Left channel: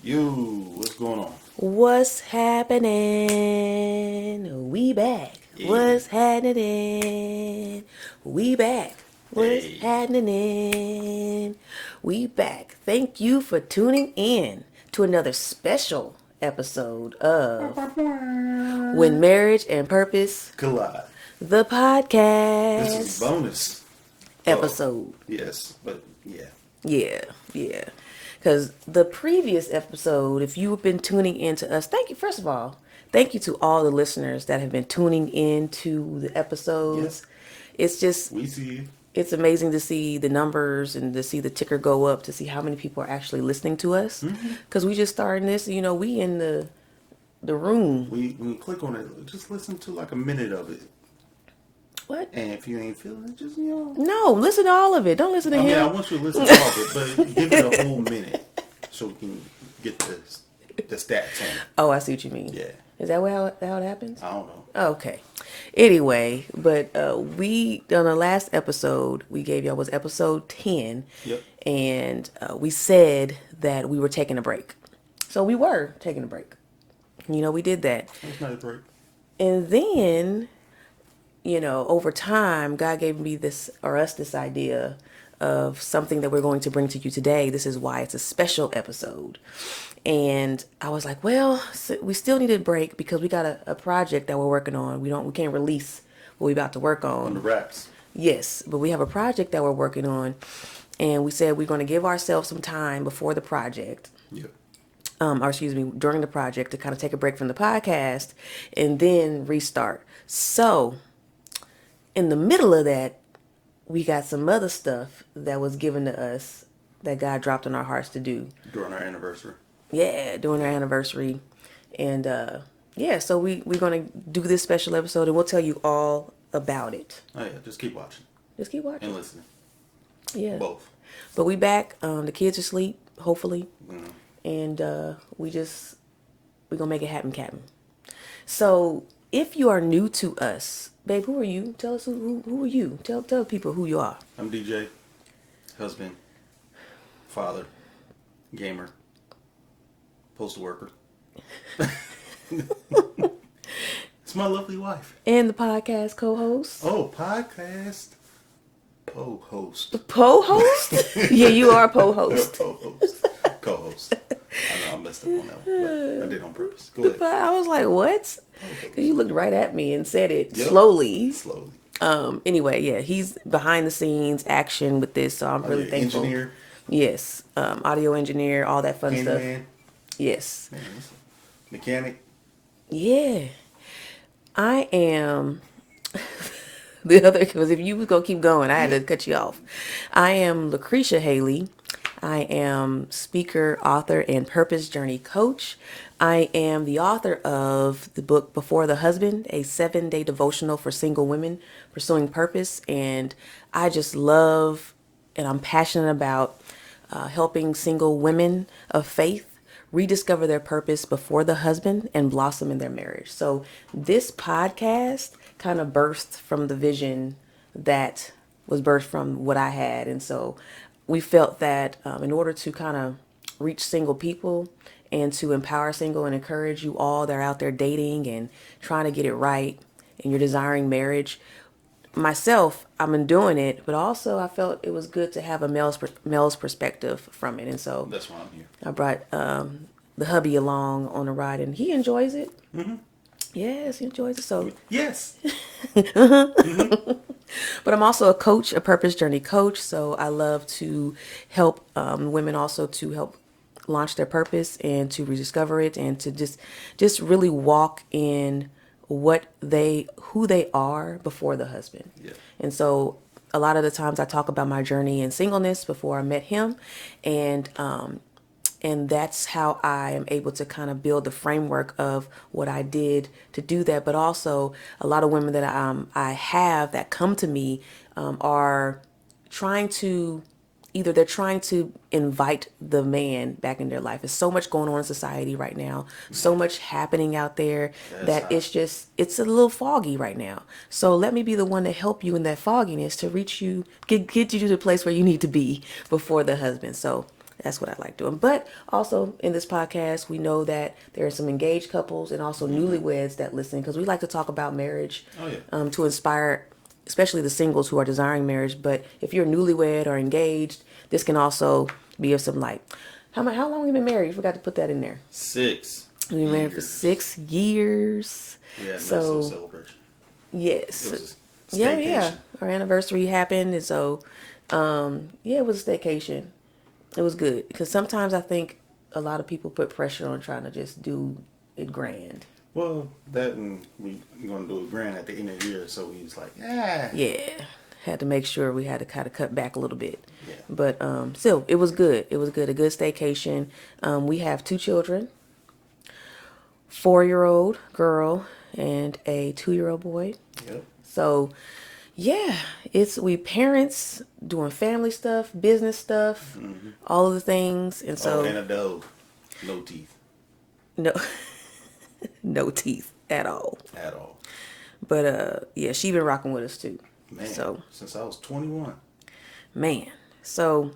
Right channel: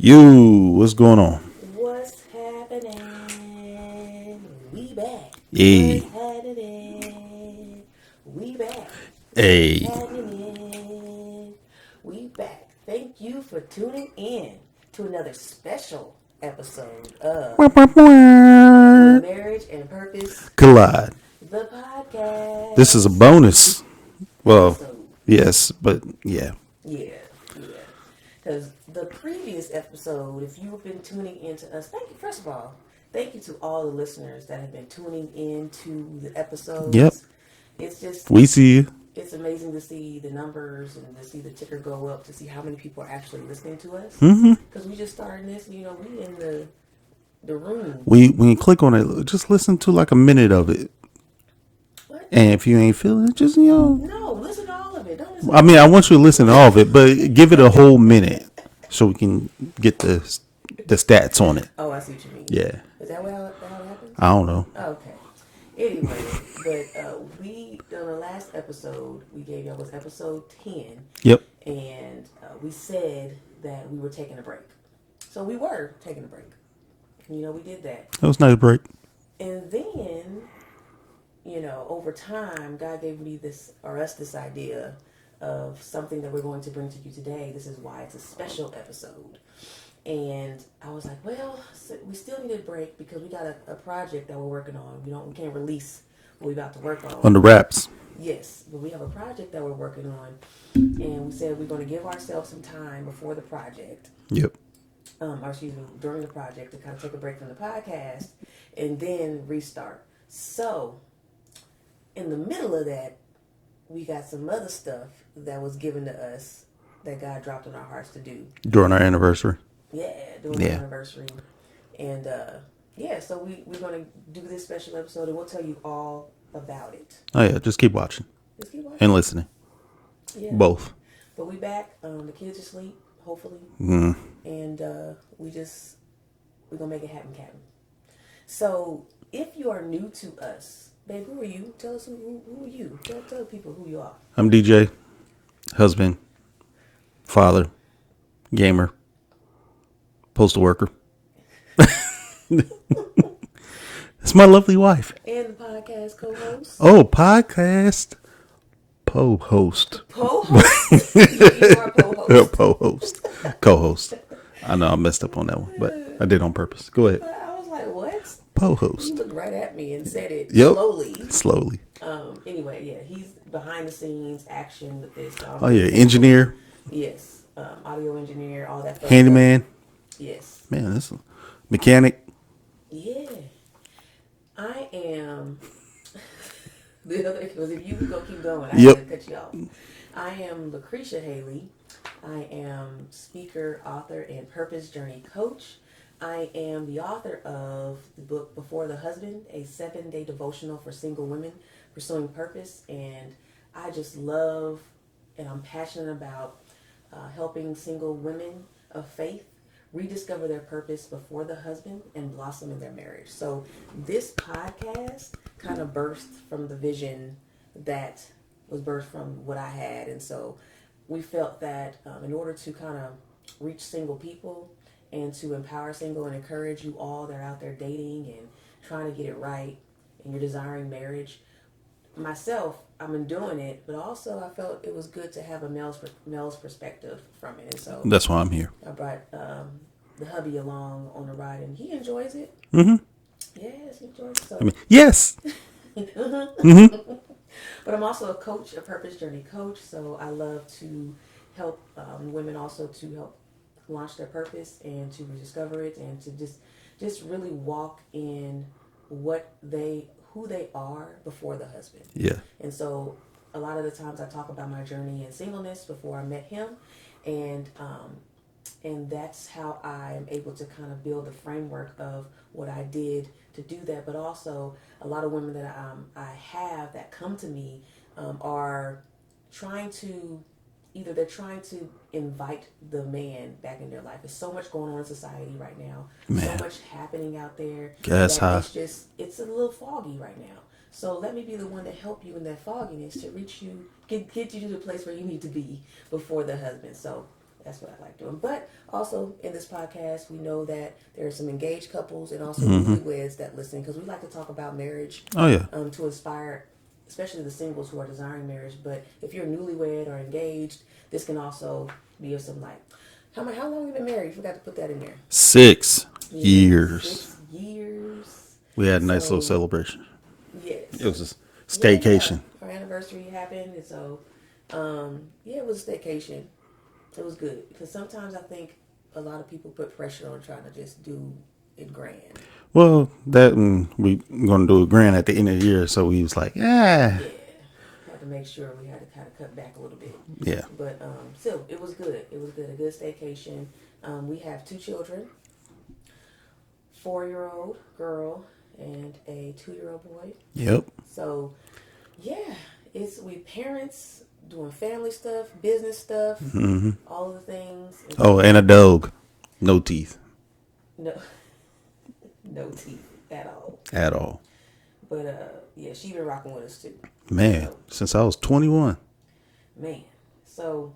What's going on? What's happening? We back. Hey, What's happening? We back. What's hey. happening? We back. Thank you for tuning in to another special episode of When Marriage and Purpose, Collide. the This is a podcast bonus. Well, episode. yes, but yeah. Yeah, yeah. Because the previous episode, if you've been tuning in to us, thank you. First of all, thank you to all the listeners that have been tuning in to the Yep. episodes. It's just, We see you. it's amazing to see the numbers and to see the ticker go up, to see how many people are actually listening to us. Because we just starting this, we in the room. When you click on it, just listen to like a minute of it. What? And if you ain't feeling it, just. No, listen to all of it. Don't listen to I mean, I half. want you to listen to all of it, but give it a whole minute so we can get the stats on it. Oh, I see what you mean. Yeah. Is that how it happens? I don't know. Okay. Anyway, but we on the last episode we gave y'all was episode 10, Yep. and we said that we were taking a break. So we were taking a break. We did that, It was a nice break. and then over time, God gave me this or us this idea of something that we're going to bring to you today. This is why it's a special episode. And I was like, well, we still need a break because we got a project that we're working on. We can't release what we're about to work On on. the wraps. Yes, but we have a project that we're working on, and we said we're going to give ourselves some time before the project, Yep. or excuse me, during the project, to kind of take a break from the podcast and then restart. So, in the middle of that, we got some other stuff that was given to us that God dropped in our hearts to do. During our anniversary. Yeah, during our Yeah. anniversary. And yeah, so we're going to do this special episode and we'll tell you all about it. Oh, yeah. Just keep watching Just keep watching. and listening. Yeah. Both. But we back. The kids are asleep, hopefully. Mm. And we're going to make it happen, Captain. So if you are new to us, babe, who are you? Tell us who are you? Tell people who you are. I'm DJ, husband, father, gamer, postal worker. It's my lovely wife. And the podcast co-host. Oh, podcast po-host. Po-host? Yeah, you are po-host. Po-host. Co-host. I know I messed up on that one, but I did on purpose. Go ahead. But I was like, what? Po-host. You looked right at me and said it Yep. slowly. Slowly. Anyway, yeah, he's behind the scenes action with this. So I'm Oh, really yeah. thankful. Engineer, Yes. Audio engineer, all that fun handyman. stuff. Yes. Man, this is mechanic. Yeah. I am the other, because if you was going to keep going, I had to Yep. cut you off. I am Lucretia Haley. I am speaker, author, and purpose journey coach. I am the author of the book Before the Husband, a 7-day devotional for single women pursuing purpose. And I just love and I'm passionate about helping single women of faith rediscover their purpose before the husband and blossom in their marriage. So this podcast kind of burst from the vision that was birthed from what I had. And so we felt that in order to kind of reach single people and to empower single and encourage you all that are out there dating and trying to get it right and you're desiring marriage, myself, I've been doing it, but also I felt it was good to have a male's perspective from it. And so That's why I'm here. I brought the hubby along on the ride, and he enjoys it. Yes, he enjoys it. So, Yes. but I'm also a coach, a purpose journey coach. So I love to help women also to help launch their purpose and to rediscover it and to just really walk in who they are before the husband. Yeah. And so a lot of the times I talk about my journey in singleness before I met him, and that's how I am able to kind of build the framework of what I did to do that. But also a lot of women that I have that come to me are trying to either they're trying to invite the man back in their life. There's so much going on in society right now, so much happening out there That's that hot. it's a little foggy right now. So let me be the one to help you in that fogginess to reach you, get you to the place where you need to be before the husband. So That's what I like doing. But also in this podcast, we know that there are some engaged couples and also newlyweds that listen because we like to talk about marriage Oh yeah. to inspire, especially the singles who are desiring marriage. But if you're newlywed or engaged, this can also be of some light. How long have you been married? You forgot to put that in there. 6 We've been married for years. 6 years. We had a nice little So celebration. yes, It was a yeah, yeah. staycation. Our anniversary happened, and so yeah, it was a staycation. It was good because sometimes I think a lot of people put pressure on trying to just do it grand. Well, that and we going to do a grand at the end of the year, so we was like, yeah, Yeah, had to make sure we had to kind of cut back a little bit. yeah. But still, it was good. It was good. A good staycation. We have 2 children, 4-year-old girl and a 2-year-old boy. Yep. So yeah, we parents doing family stuff, business stuff, all of the things. And Oh, so and a dog, no teeth no, no teeth at all. at all. But yeah, she been rocking with us too. Man, So since I was 21. man, so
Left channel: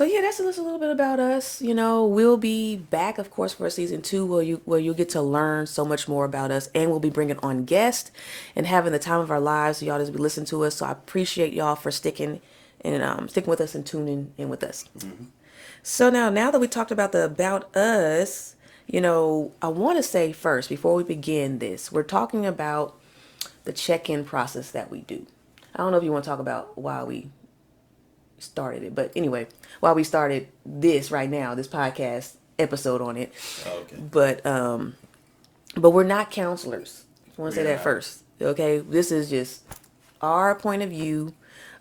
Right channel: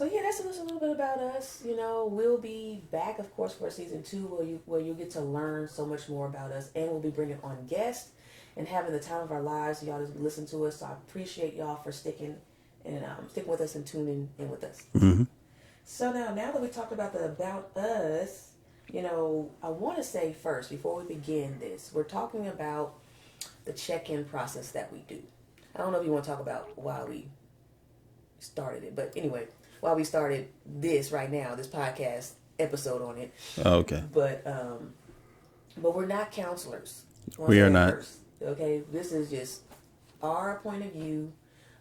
yeah, that's just a little bit about us. We'll be back, of course, for season 2, where you'll get to learn so much more about us, and we'll be bringing on guests and having the time of our lives. So y'all just be listening to us. So I appreciate y'all for sticking with us and tuning in with us. So now that we talked about the about us, I want to say first before we begin this, we're talking about the check-in process that we do. I don't know if you want to talk about why we started it, but anyway, why we started this right now, this podcast episode on it. Oh, okay. But we're not counselors. I want to We say are that not. first. Okay, this is just our point of view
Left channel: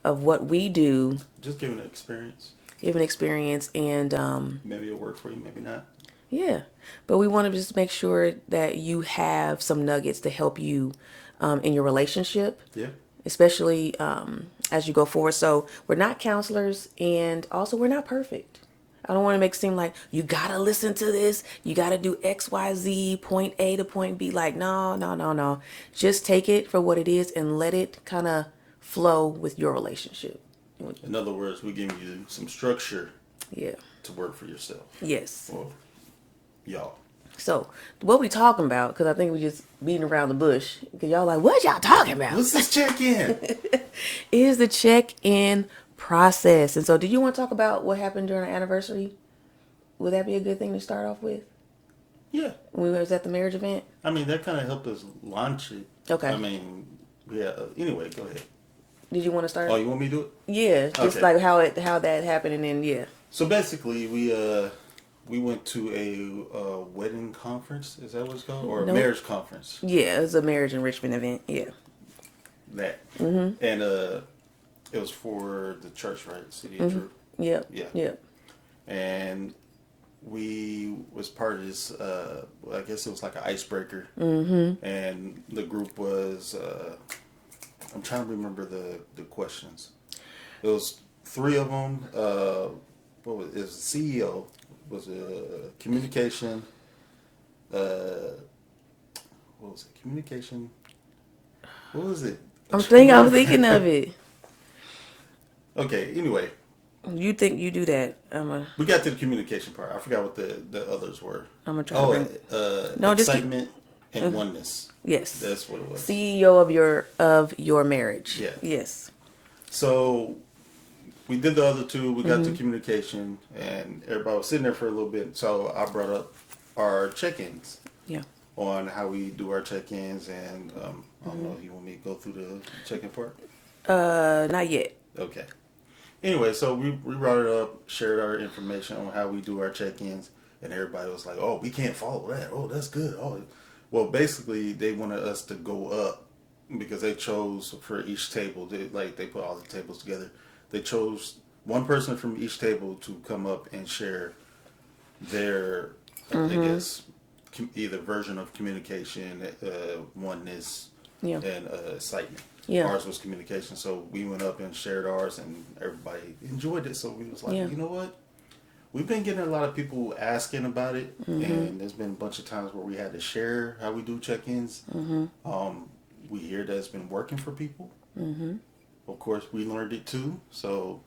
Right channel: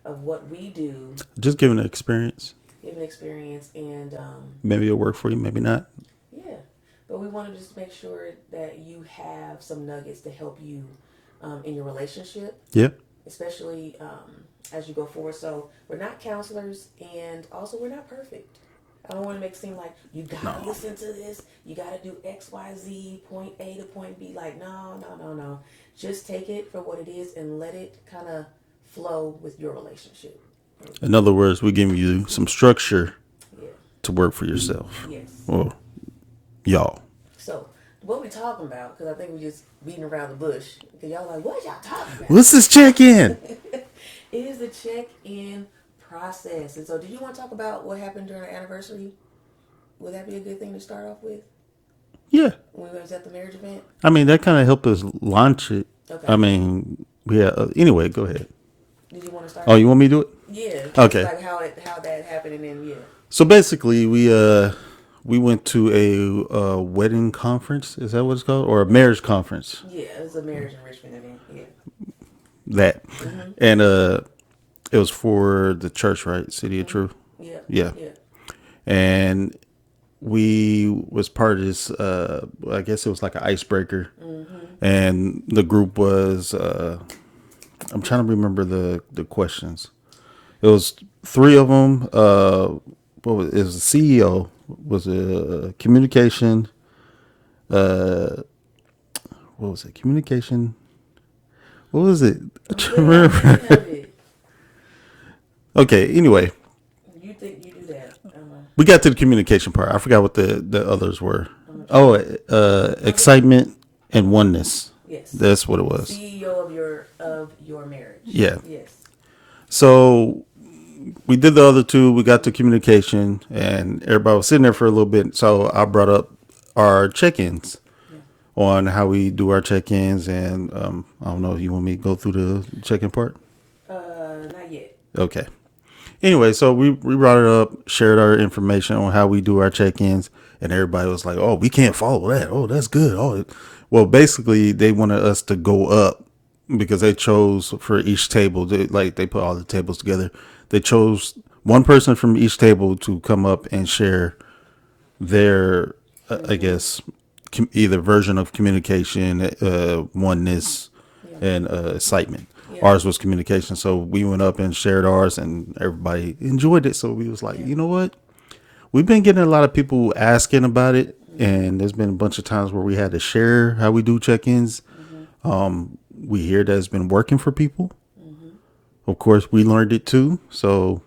of what we do, Just giving an experience. give an experience, and Maybe it'll work for you, maybe not. yeah. But we want to just make sure that you have some nuggets to help you in your relationship, Yep. especially as you go forward. So we're not counselors, and also we're not perfect. I don't want to make it seem like you gotta listen to this, you gotta do X, Y, Z, point A to point B. Like, no. Just take it for what it is and let it kind of flow with your relationship. In other words, we're giving you some structure Yeah. to work for yourself. Yes. Well, y'all. So what we talking about? Because I think we just beating around the bush. Because y'all like, what y'all talking about? Let's just check in. Is the check-in process. And so, do you want to talk about what happened during our anniversary? Would that be a good thing to start off with? Yeah. When we was at the marriage event? I mean, that kind of helped us launch it. Okay. I mean, yeah. Anyway, go ahead. Did you want to start? Oh, you want me to do it? Yeah. Just Okay. like how that happened, and then yeah. So basically, we went to a wedding conference. Is that what it's called, or a marriage conference? Yeah, it was a marriage enrichment event. Yeah. That, and it was for the church, right? City of Truth. Yeah. Yeah. Yeah. And we was part of this. I guess it was like an icebreaker, and the group was. I'm trying to remember the questions. It was 3 of them. What was it? Was the CEO? Was communication? What was it? Communication. What was it? I'm thinking of it. Okay. Anyway, You think you do that? we got to the communication part. I forgot what the others were. I'm gonna try Oh, excitement and oneness. Yes. That's what it was. CEO of your marriage. Yeah. Yes. So we did the other 2. We got to communication, and everybody was sitting there for a little bit. So I brought up our check-ins Yeah. on how we do our check-ins, and I don't know if you want me to go through the check-in part. Not yet. Okay. Anyway, so we brought it up, shared our information on how we do our check-ins, and everybody was like, "Oh, we can't follow that. Oh, that's good." Oh, well, basically, they wanted us to go up because they chose for each table. They put all the tables together. They chose one person from each table to come up and share their, I guess, either version of communication, oneness, Yeah. and excitement. Yeah. Ours was communication, so we went up and shared ours, and everybody enjoyed it. So we was like, Yeah. you know what? We've been getting a lot of people asking about it, and there's been a bunch of times where we had to share how we do check-ins. We hear that it's been working for people. Of course, we learned it too. So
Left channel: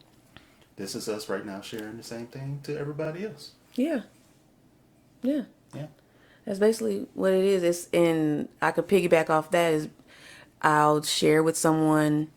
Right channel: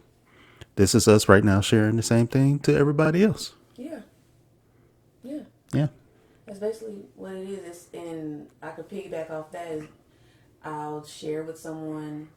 this is us right now sharing the same thing to everybody else. Yeah. Yeah. Yeah. That's basically what it is. It's and I could piggyback off that is I'll share with someone,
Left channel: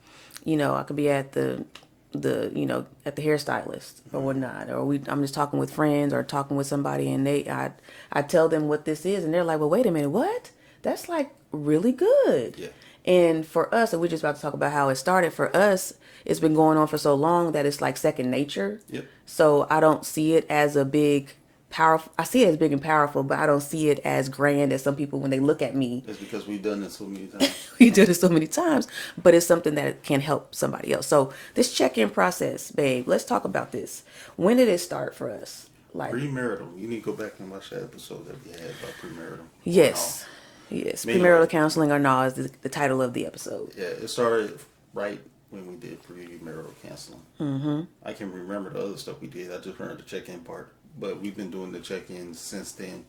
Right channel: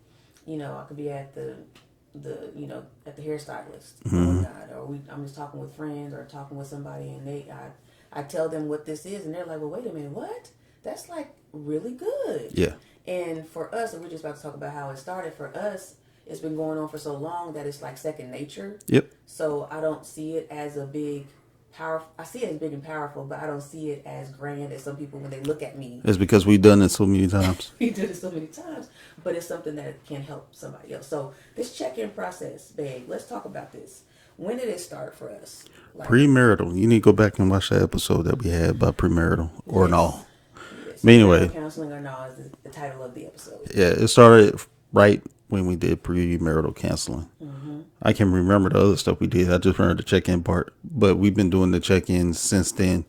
I could be at at the hairstylist or whatnot, or I'm just talking with friends or talking with somebody, and I tell them what this is, and they're like, well, wait a minute, what? That's like really good. Yeah. And for us, and we're just about to talk about how it started for us, it's been going on for so long that it's like second nature. Yep. So I don't see it as a big powerful. I see it as big and powerful, but I don't see it as grand as some people when they look at me. It's because we've done it so many times. We did it so many times, but it's something that can help somebody else. So this check-in process, babe, let's talk about this. When did it start for us? Like, Premarital. You need to go back and watch that episode that we had about premarital or no. yes, yes. But Premarital anyway, counseling or no is the title of the episode. yeah, it started right when we did premarital counseling. I can remember the other stuff we did. I just remember the check-in part, but we've been doing the check-ins since then.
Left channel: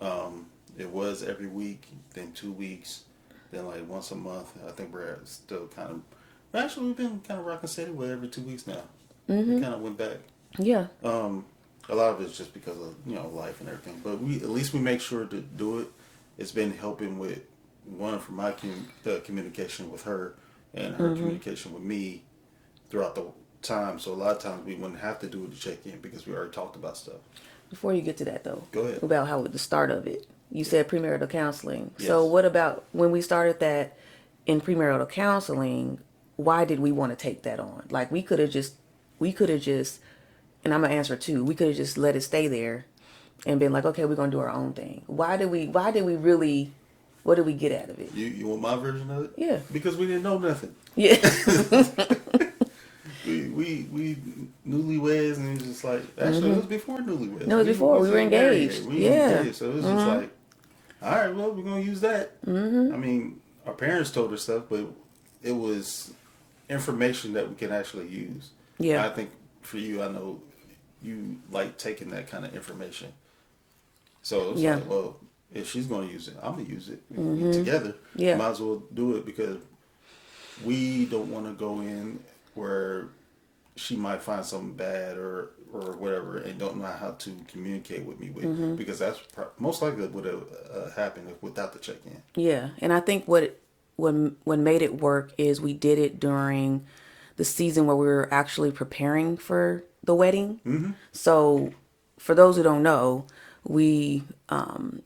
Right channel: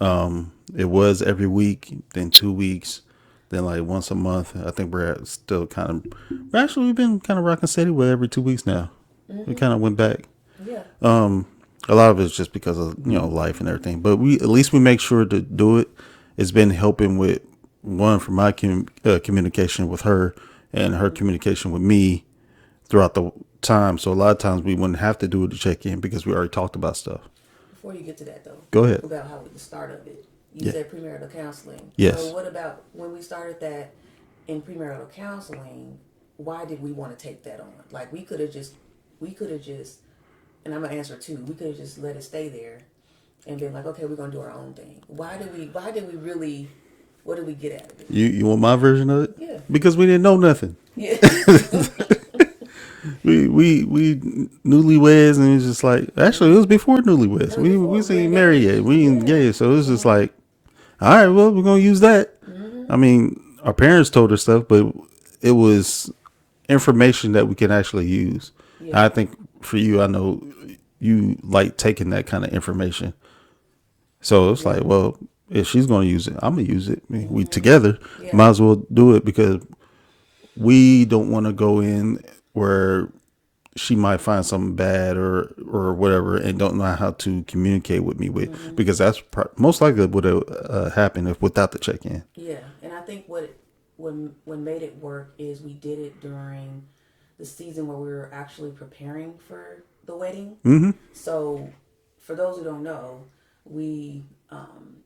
It was every week, then 2 weeks, then like once a month. I think we're still kind of. Actually, we've been kind of rocking steady with every 2 weeks now. We kind of went back. Yeah. A lot of it's just because of life and everything, but we at least we make sure to do it. It's been helping with one for my communication with her and her communication with me throughout the time. So a lot of times we wouldn't have to do the check in because we already talked about stuff. Before you get to that, though, Go ahead. about how the start of it. You said premarital counseling. Yes. So what about when we started that in premarital counseling? Why did we want to take that on? Like we could have just, and I'm gonna answer too. We could have just let it stay there, and been like, okay, we're gonna do our own thing. Why did we really? What did we get out of it? You want my version of it? Yeah. Because we didn't know nothing. Yeah. We newlyweds, and it was just like actually it was before newlyweds. No, we before. We were wasn't married yet. engaged. We Yeah. engaged, so it was just like, all right, well we're gonna use that. I mean, our parents told us stuff, but it was information that we can actually use. Yeah. I think for you, I know you like taking that kind of information. So it's Yeah. like, well, if she's gonna use it, I'm gonna use it. I mean, we together Yeah. might as well do it because we don't want to go in where she might find something bad or whatever and don't know how to communicate with me with because that's most likely would have happened if without the check-in. Yeah, and I think what made it work is we did it during the season where we were actually preparing for the wedding. Mm-hmm. So, for those who don't know, we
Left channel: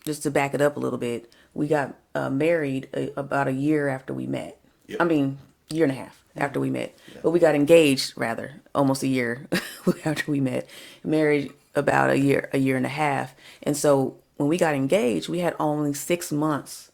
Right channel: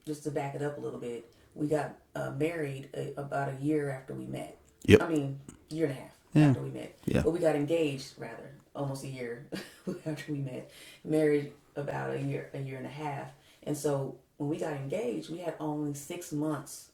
just to back it up a little bit, we got married about a year after we met. Yep. I mean, year and a half after we met. Yeah. But we got engaged rather almost a year after we met. Married about a year and a half. And so when we got engaged, we had only 6 months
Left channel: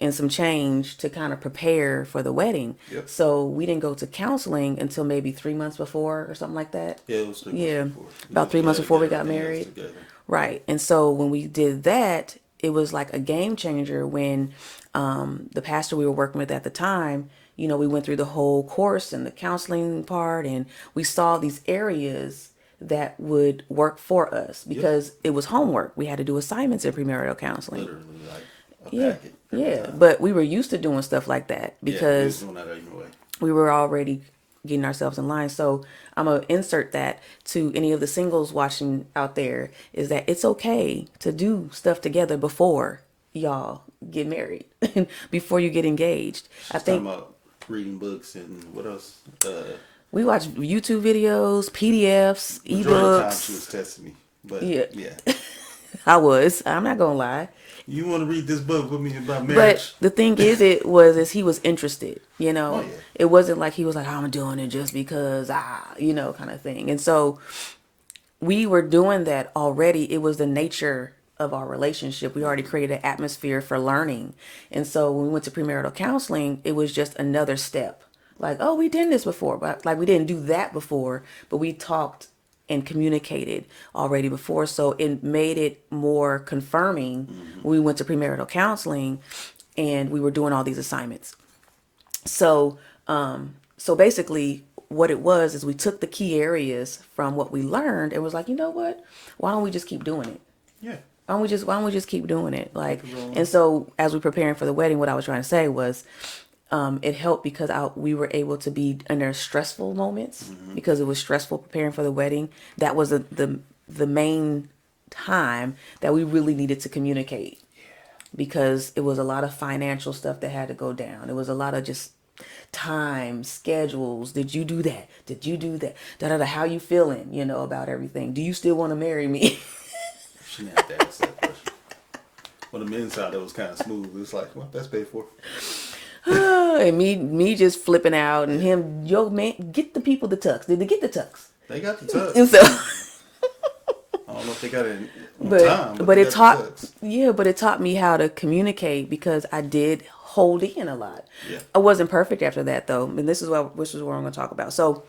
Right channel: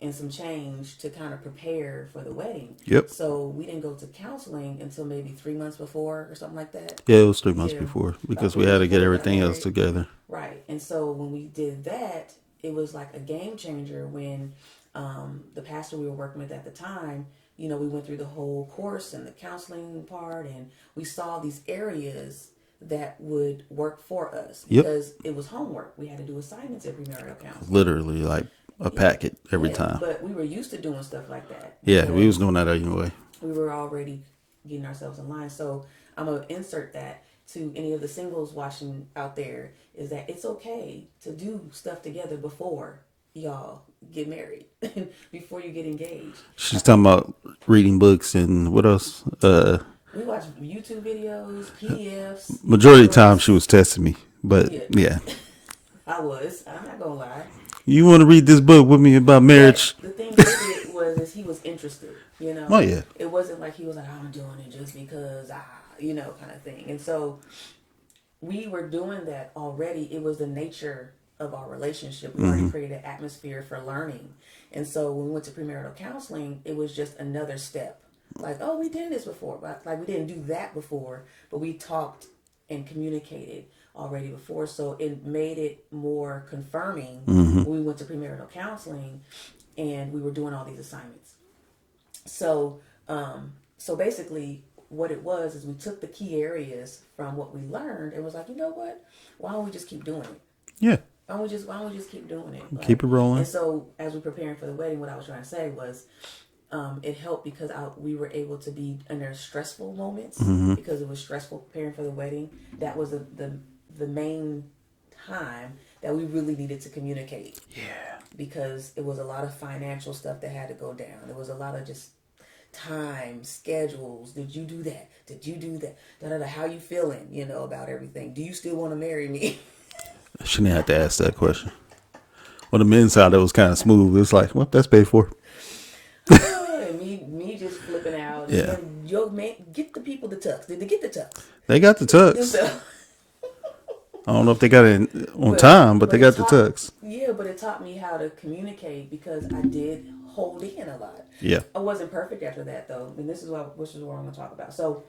and some change to kind of prepare for the wedding. Yep. So we didn't go to counseling until maybe 3 months before or something like that. Yeah, it was 3 months Yeah. before About because 3 we months had to before get we got everything else married. together. Right. And so when we did that, it was like a game changer when the pastor we were working with at the time, we went through the whole course and the counseling part, and we saw these areas that would work for us because it was homework. We had to do assignments in premarital counseling. Literally like a packet every time. But we were used to doing stuff like that because Yeah, we was doing that anyway. we were already getting ourselves in line. So I'm going to insert that to any of the singles watching out there is that it's okay to do stuff together before y'all get married, before you get engaged. She's talking about reading books and what else? We watch YouTube videos, PDFs. Majority of the ebooks. time she was testing me, but yeah. I'm not going to lie. You want to read this book with me about marriage? But the thing is he was interested, Oh, yeah. It wasn't like he was like, I'm doing it just because, kind of thing. And so we were doing that already. It was the nature of our relationship. We already created an atmosphere for learning. And so when we went to premarital counseling, it was just another step. Like, oh, we did this before, but like we didn't do that before, but we talked and communicated already before. So it made it more confirming when we went to premarital counseling and we were doing all these assignments. So, so basically what it was is we took the key areas from what we learned and was like, you know what? Why don't we just keep doing it? Yeah. Why don't we just keep doing it? Like, Keep it rolling. And so as we're preparing for the wedding, what I was trying to say was, It helped because we were able to be in their stressful moments because it was stressful preparing for the wedding. That was the main time that we really needed to communicate because it was a lot of financial stuff that had to go down. It was a lot of just time, schedules. Did you do that? Did you do that? Da da da. How you feeling? About everything. Do you still want to marry me? She didn't have to ask that question. On the men's side, it was kind of smooth. It's like, well, that's paid for. And me just flipping out, and Yeah. him, yo man, get the people the tux. Did they get the tux? They got the And tux. so, I don't know if they got it on but time, but they it got the taught, tux. yeah, but it taught me how to communicate because I did hold in a lot. Yeah. I wasn't perfect after that though, and this is what I'm going to talk about. So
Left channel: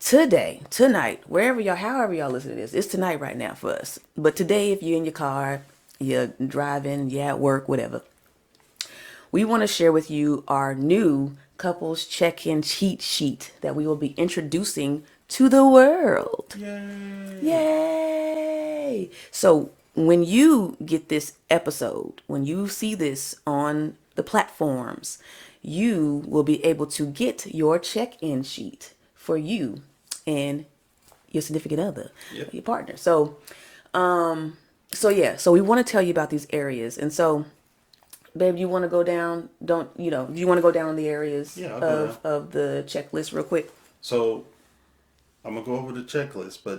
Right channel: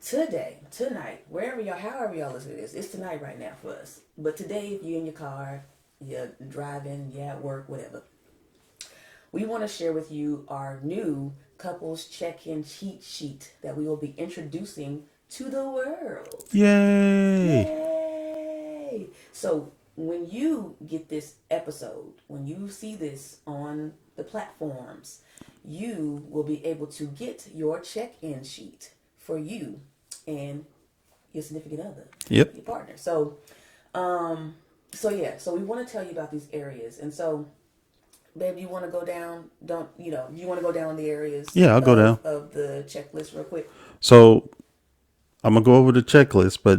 tonight, however y'all listen to this, it's tonight right now for us. But today, if you're in your car, you're driving, you're at work, whatever, we want to share with you our new couples check-in cheat sheet that we will be introducing to the world. Yay. Yay! So when you get this episode, when you see this on the platforms, you will be able to get your check-in sheet for you and your significant other, Yep. your partner. So we want to tell you about these areas. And so, babe, you want to go down? Do you want to go down the areas? Yeah, I'll go down. Of the checklist real quick. So I'm gonna go over the checklist, but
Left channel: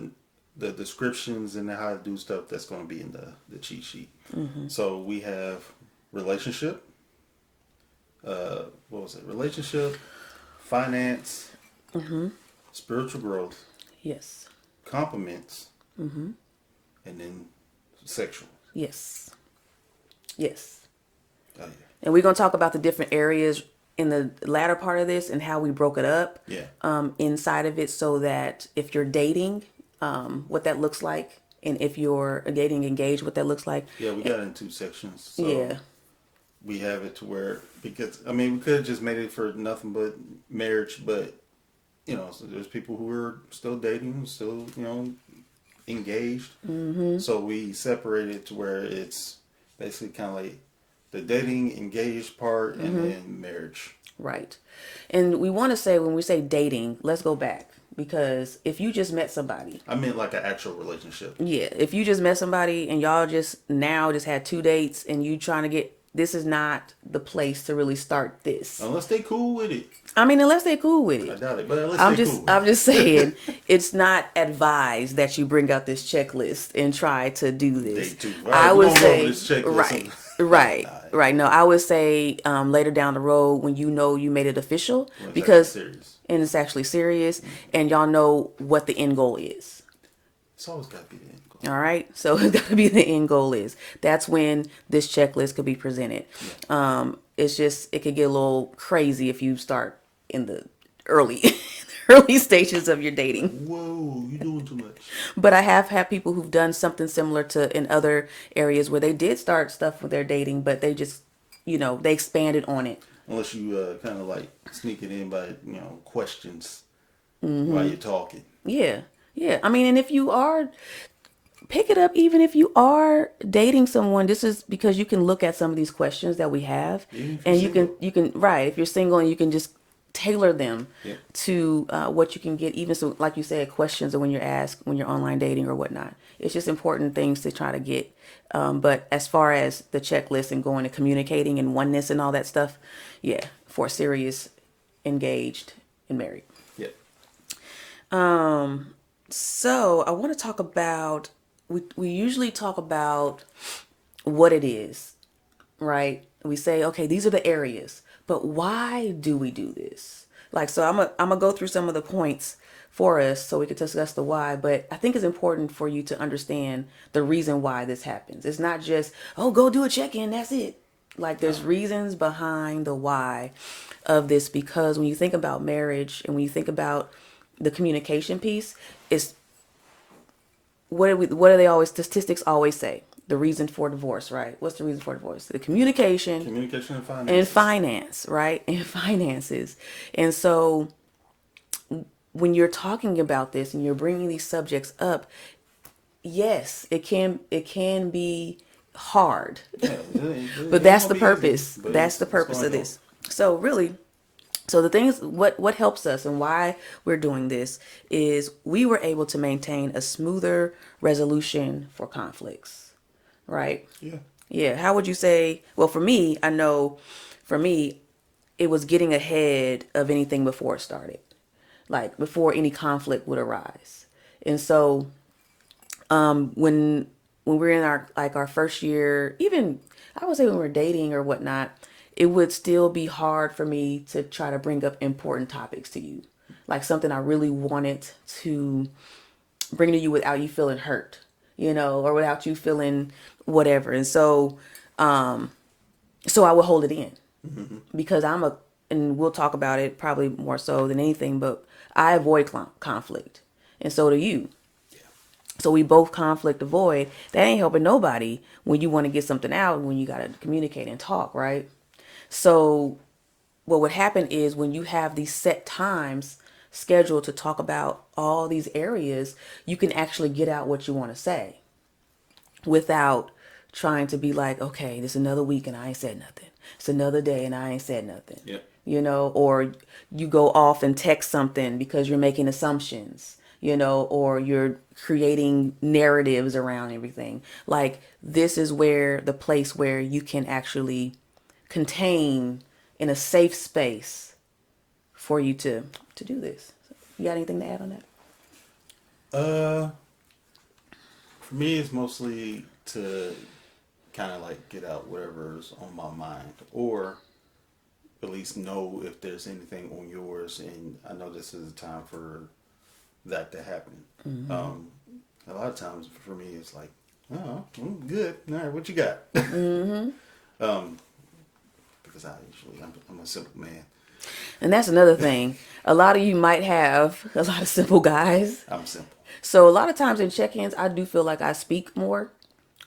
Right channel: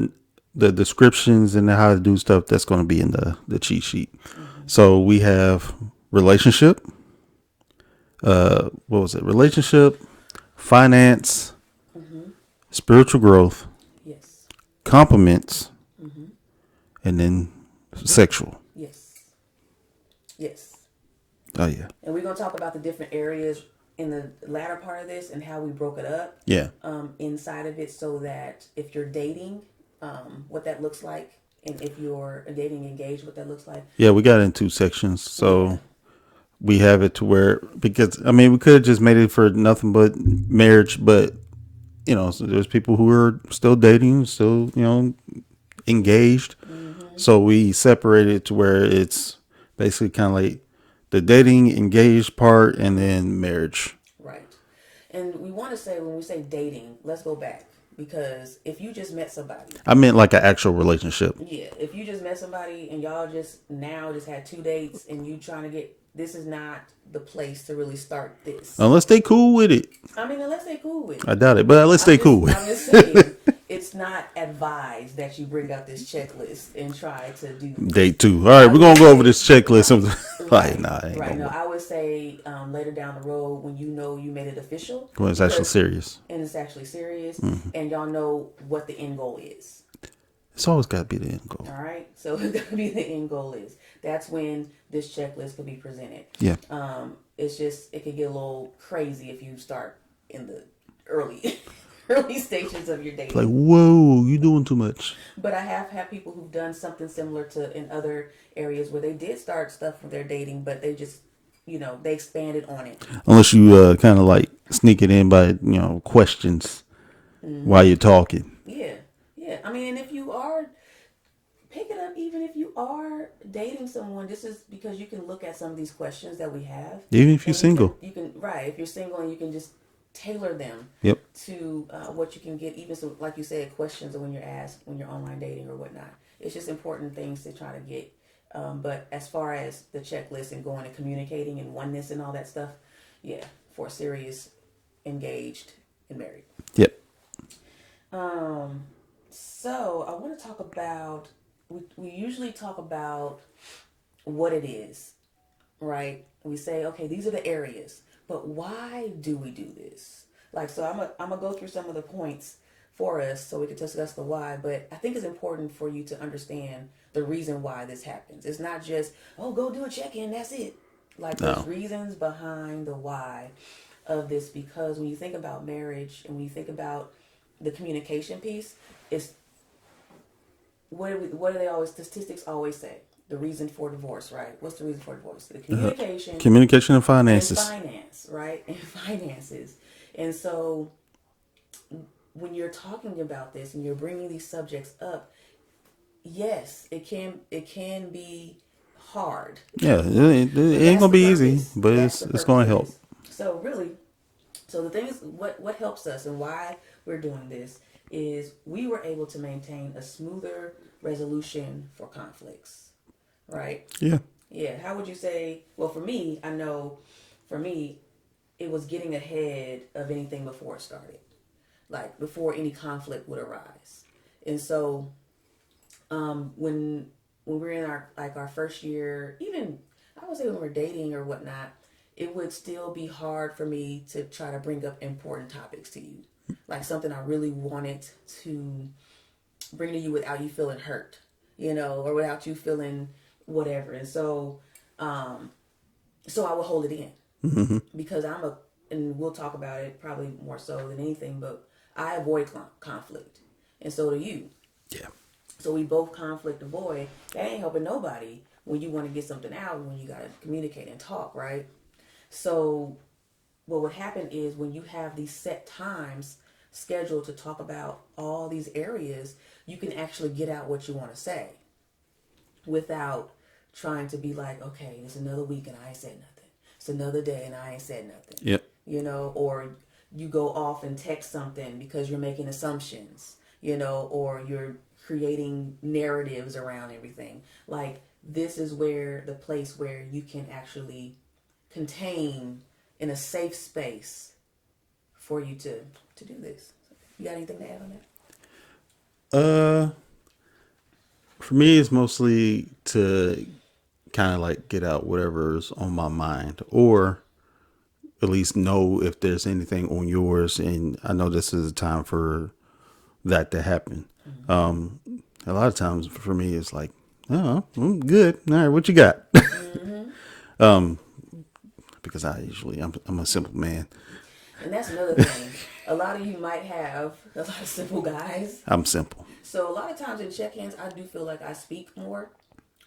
the descriptions and how to do stuff that's going to be in the cheat sheet. So we have relationship. What was it? Relationship, finance, spiritual growth, Yes. compliments, and then sexual. Yes. Yes. Oh yeah. And we're going to talk about the different areas in the latter part of this and how we broke it up Yeah. inside of it so that if you're dating, what that looks like, and if you're dating engaged, what that looks like. Yeah, we got it in two sections. So Yeah. we have it to where, because I mean, we could have just made it for nothing but marriage, but so there's people who are still dating, still, engaged. So we separated to where it's basically kind of like the dating engaged part and then marriage. Right. And we want to say, when we say dating, let's go back. Because if you just met somebody, I meant like an actual relationship. yeah, if you just met somebody and y'all just had 2 dates and you trying to this is not the place to really start this. Unless they cool with it. I mean, unless they're cool with it. I doubt it, but unless they cool with I'm it. just saying, it's not advised that you bring out this checklist and try to do this. Date 2. All right, we're going to go over this checklist. Right. No, I would say later down the road when you made it official. When it's actually serious. And it's actually serious. And y'all know what the end goal is. It's always got to be the end goal. All right. So it's got to be the end goal is. That's when this checklist could be presented. Yeah. It's just, it could get a little crazy if you start in the early stages of your dating. Like, whoa, you doing too much. But I have had people who've done something similar to in other areas where they did start stuff with their dating, but they just, they expanded on it. Unless you kind of like sneak it in by, questions while you're talking. Yeah. Yeah. I mean, and if you are, pick it up, even if you are dating someone, this is because you can look at some of these questions that we have. Even if you're and single. You can, right. If you're single, and you can just tailor them Yep. to what you can get, even so, like you said, questions when you're online dating or whatnot. It's just important things to try to get. But as far as the checklist and going and communicating and oneness and all that stuff, yeah, for serious, engaged, and married. Yep. So I want to talk about, we usually talk about what it is, right? We say, okay, these are the areas, but why do we do this? Like, so I'm gonna go through some of the points for us so we can discuss the why, but I think it's important for you to understand the reason why this happens. It's not just, oh, go do a check-in, that's it. Like, there's reasons behind the why of this, because when you think about marriage and when you think about the communication piece, is what do they always, statistics always say? The reason for divorce, right? What's the reason for divorce? The communication. Communication and finances. And finance, right? And finances. And so when you're talking about this and you're bringing these subjects up, yes, it can be hard. Yeah, it But ain't that's gonna the be purpose. easy, but That's the it's purpose gonna of help. this. So really, So the things, what helps us and why we're doing this is we were able to maintain a smoother resolution for conflicts, right? Yeah. Yeah. How would you say? Well, for me, I know, for me, it was getting ahead of anything before it started, like before any conflict would arise. And so when we're in our like our first year, even I would say when we're dating or whatnot, it would still be hard for me to try to bring up important topics to you, like something I really wanted to bring to you without you feeling hurt, or without you feeling whatever. And so I would hold it in because and we'll talk about it probably more so than anything, but I avoid conflict, and so do you. Yeah. So we both conflict avoid. That ain't helping nobody when you want to get something out, when you got to communicate and talk, right? So what would happen is when you have these set times scheduled to talk about all these areas, you can actually get out what you want to say without trying to be like, okay, this is another week and I ain't said nothing. It's another day and I ain't said nothing. Yep. Or you go off and text something because you're making assumptions, or you're creating narratives around everything. Like this is where the place where you can actually contain in a safe space for you to do this. You got anything to add on that? Uh, for me, it's mostly to kind of like get out whatever's on my mind, or at least know if there's anything on yours. And I know this is a time for that to happen. Mm-hmm. A lot of times for me, it's like, oh, I'm good. All right, what you got? Mm-hmm. Because I'm a simple man. And that's another thing. A lot of you might have a lot of simple guys. I'm simple. So a lot of times in check-ins, I do feel like I speak more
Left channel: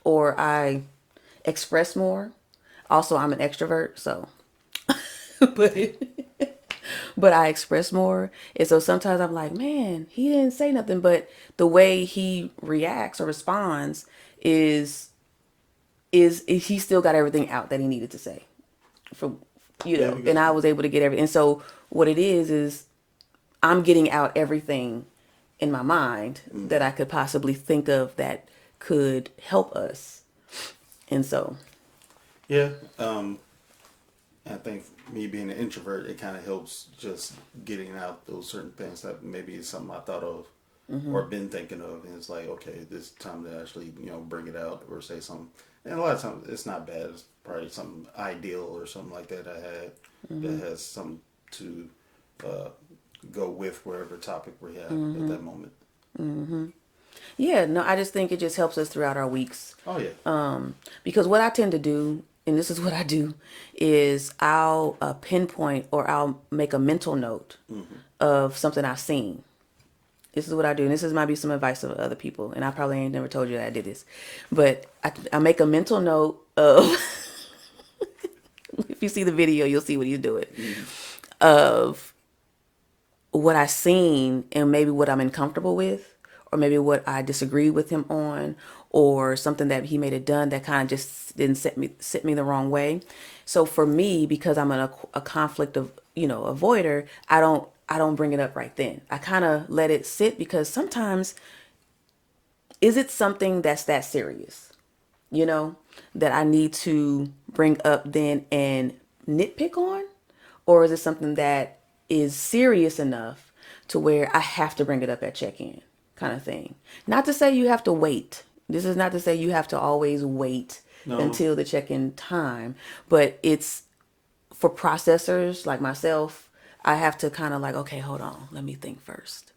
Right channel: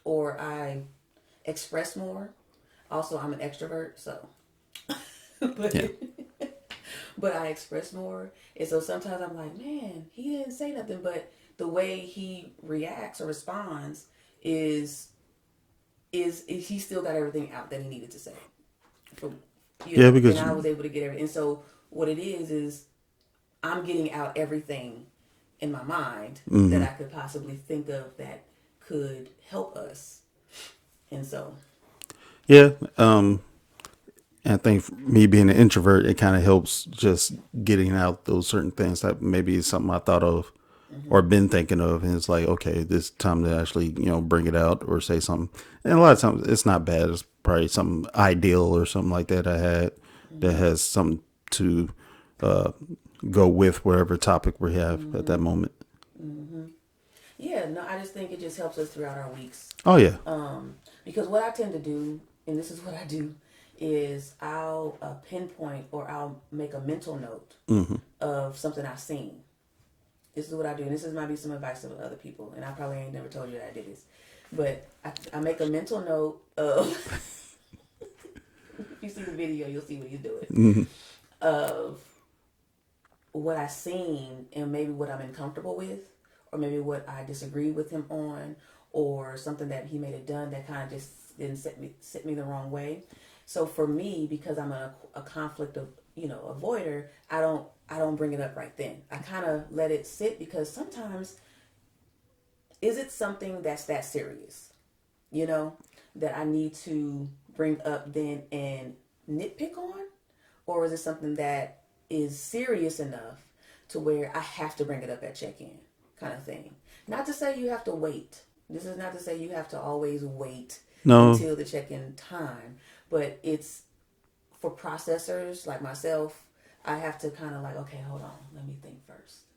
or I express more. Also, I'm an extrovert, so but Yeah. but I express more. And so sometimes I'm like, man, he didn't say nothing, but the way he reacts or responds is is he still got everything out that he needed to say. For Yeah, and because I was able to get everything. And so what it is I'm getting out everything in my mind that I could possibly think of that could help us. And so, yeah, and I think me being an introvert, it kind of helps just getting out those certain things that maybe is something I thought of or been thinking of, and it's like, okay, this time to actually bring it out or say something. And a lot of times it's not bad. It's probably something ideal or something like that I had that has something to uh, go with whatever topic we have at that moment. yeah, no, I just think it just helps us throughout our weeks. Oh yeah. Because what I tend to do, and this is what I do, is I'll pinpoint or I'll make a mental note of something I've seen. This is what I do, and this is might be some advice of other people, and I probably ain't never told you that I did this, but I make a mental note of. If you see the video, you'll see what he's doing. Of what I seen and maybe what I'm uncomfortable with, or maybe what I disagree with him on, or something that he may have done that kind of just didn't set me the wrong way. So for me, because I'm a conflict of avoider, I don't bring it up right then. I kind of let it sit because sometimes is it something that's that serious, you know, that I need to bring up then and nitpick on? Or is it something that is serious enough to where I have to bring it up at check in kind of thing? Not to say you have to wait. This is not to say you have to always wait No. until the check in time, but it's for processors like myself, I have to kind of like, okay, hold on, let me think first,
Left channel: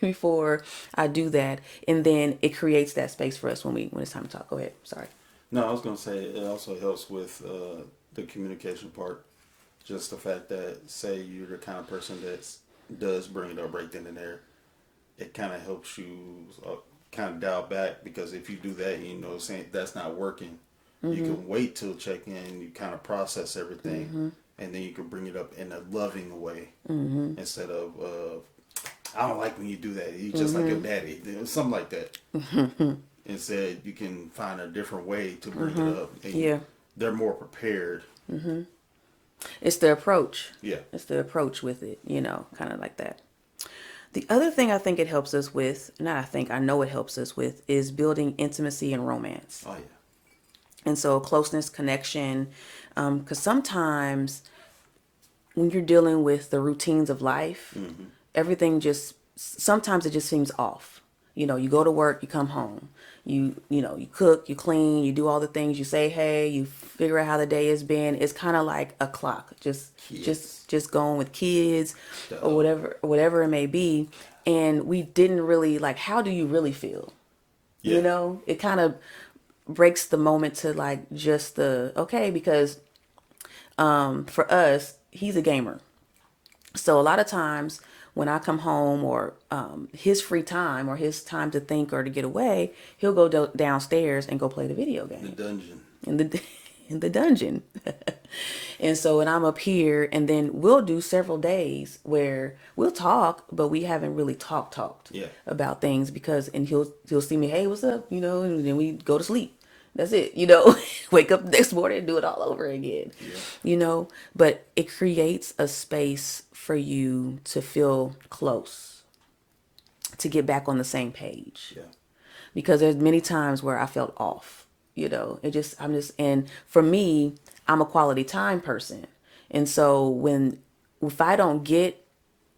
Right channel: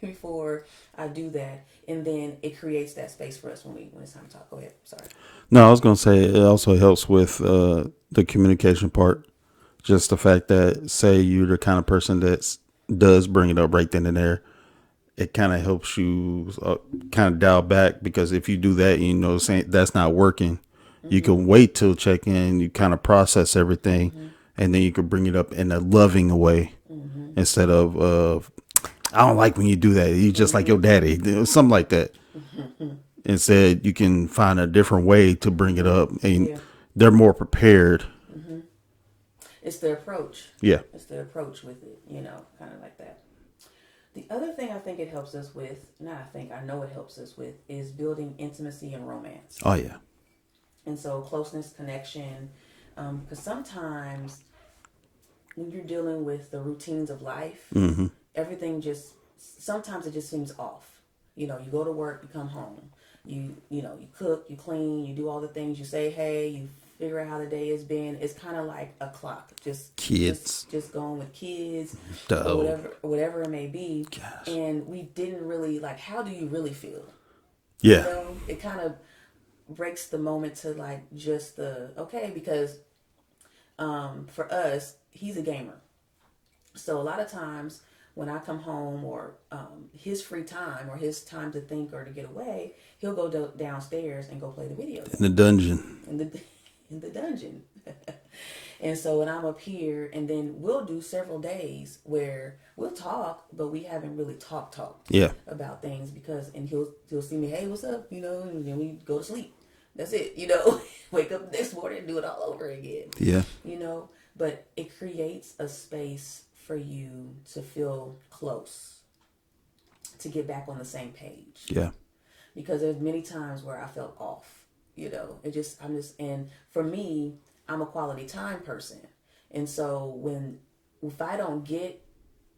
before I do that, and then it creates that space for us when it's time to talk. Go ahead. Sorry. No, I was gonna say it also helps with the communication part. Just the fact that, say you're the kind of person that does bring it up right then and there, it kind of helps you kind of dial back, because if you do that, saying that's not working, you Mm-hmm. can wait till check in, you kind of process everything, Mm-hmm. and then you can bring it up in a loving way Mm-hmm. instead of I don't like when you do that. You just like your Mm-hmm. daddy, something like that. Mm-hmm. Instead, you can find a different way to bring it Mm-hmm. up, and Yeah. they're more prepared Mm-hmm. It's the approach. Yeah. It's the approach with it, kind of like that. The other thing I think it helps us with, not I think, I know it helps us with, is building intimacy and romance. Oh yeah. And so closeness, connection, because sometimes when you're dealing with the routines of life, everything just, sometimes it just seems off. You go to work, you come home, you cook, you clean, you do all the things, you say hey, you figure out how the day has been. It's kind of like a clock, just Kids. just going with kids or Oh whatever it may be. gosh. And we didn't really like, how do you really feel? Yeah. It kind of breaks the moment to like just the okay, because for us, he's a gamer. So a lot of times when I come home or his free time or his time to think or to get away, he'll go downstairs and go play the video In the game dungeon. in the in the dungeon. And so when I'm up here, and then we'll do several days where we'll talk, but we haven't really talked Yeah. about things, because and he'll see me, hey, what's up, and then we go to sleep. That's it, wake up the next morning and do it all over again. Yeah. But it creates a space for you to feel close, to get back on the same page, Yeah. because there's many times where I felt off, and for me, I'm a quality time person. And so if I don't get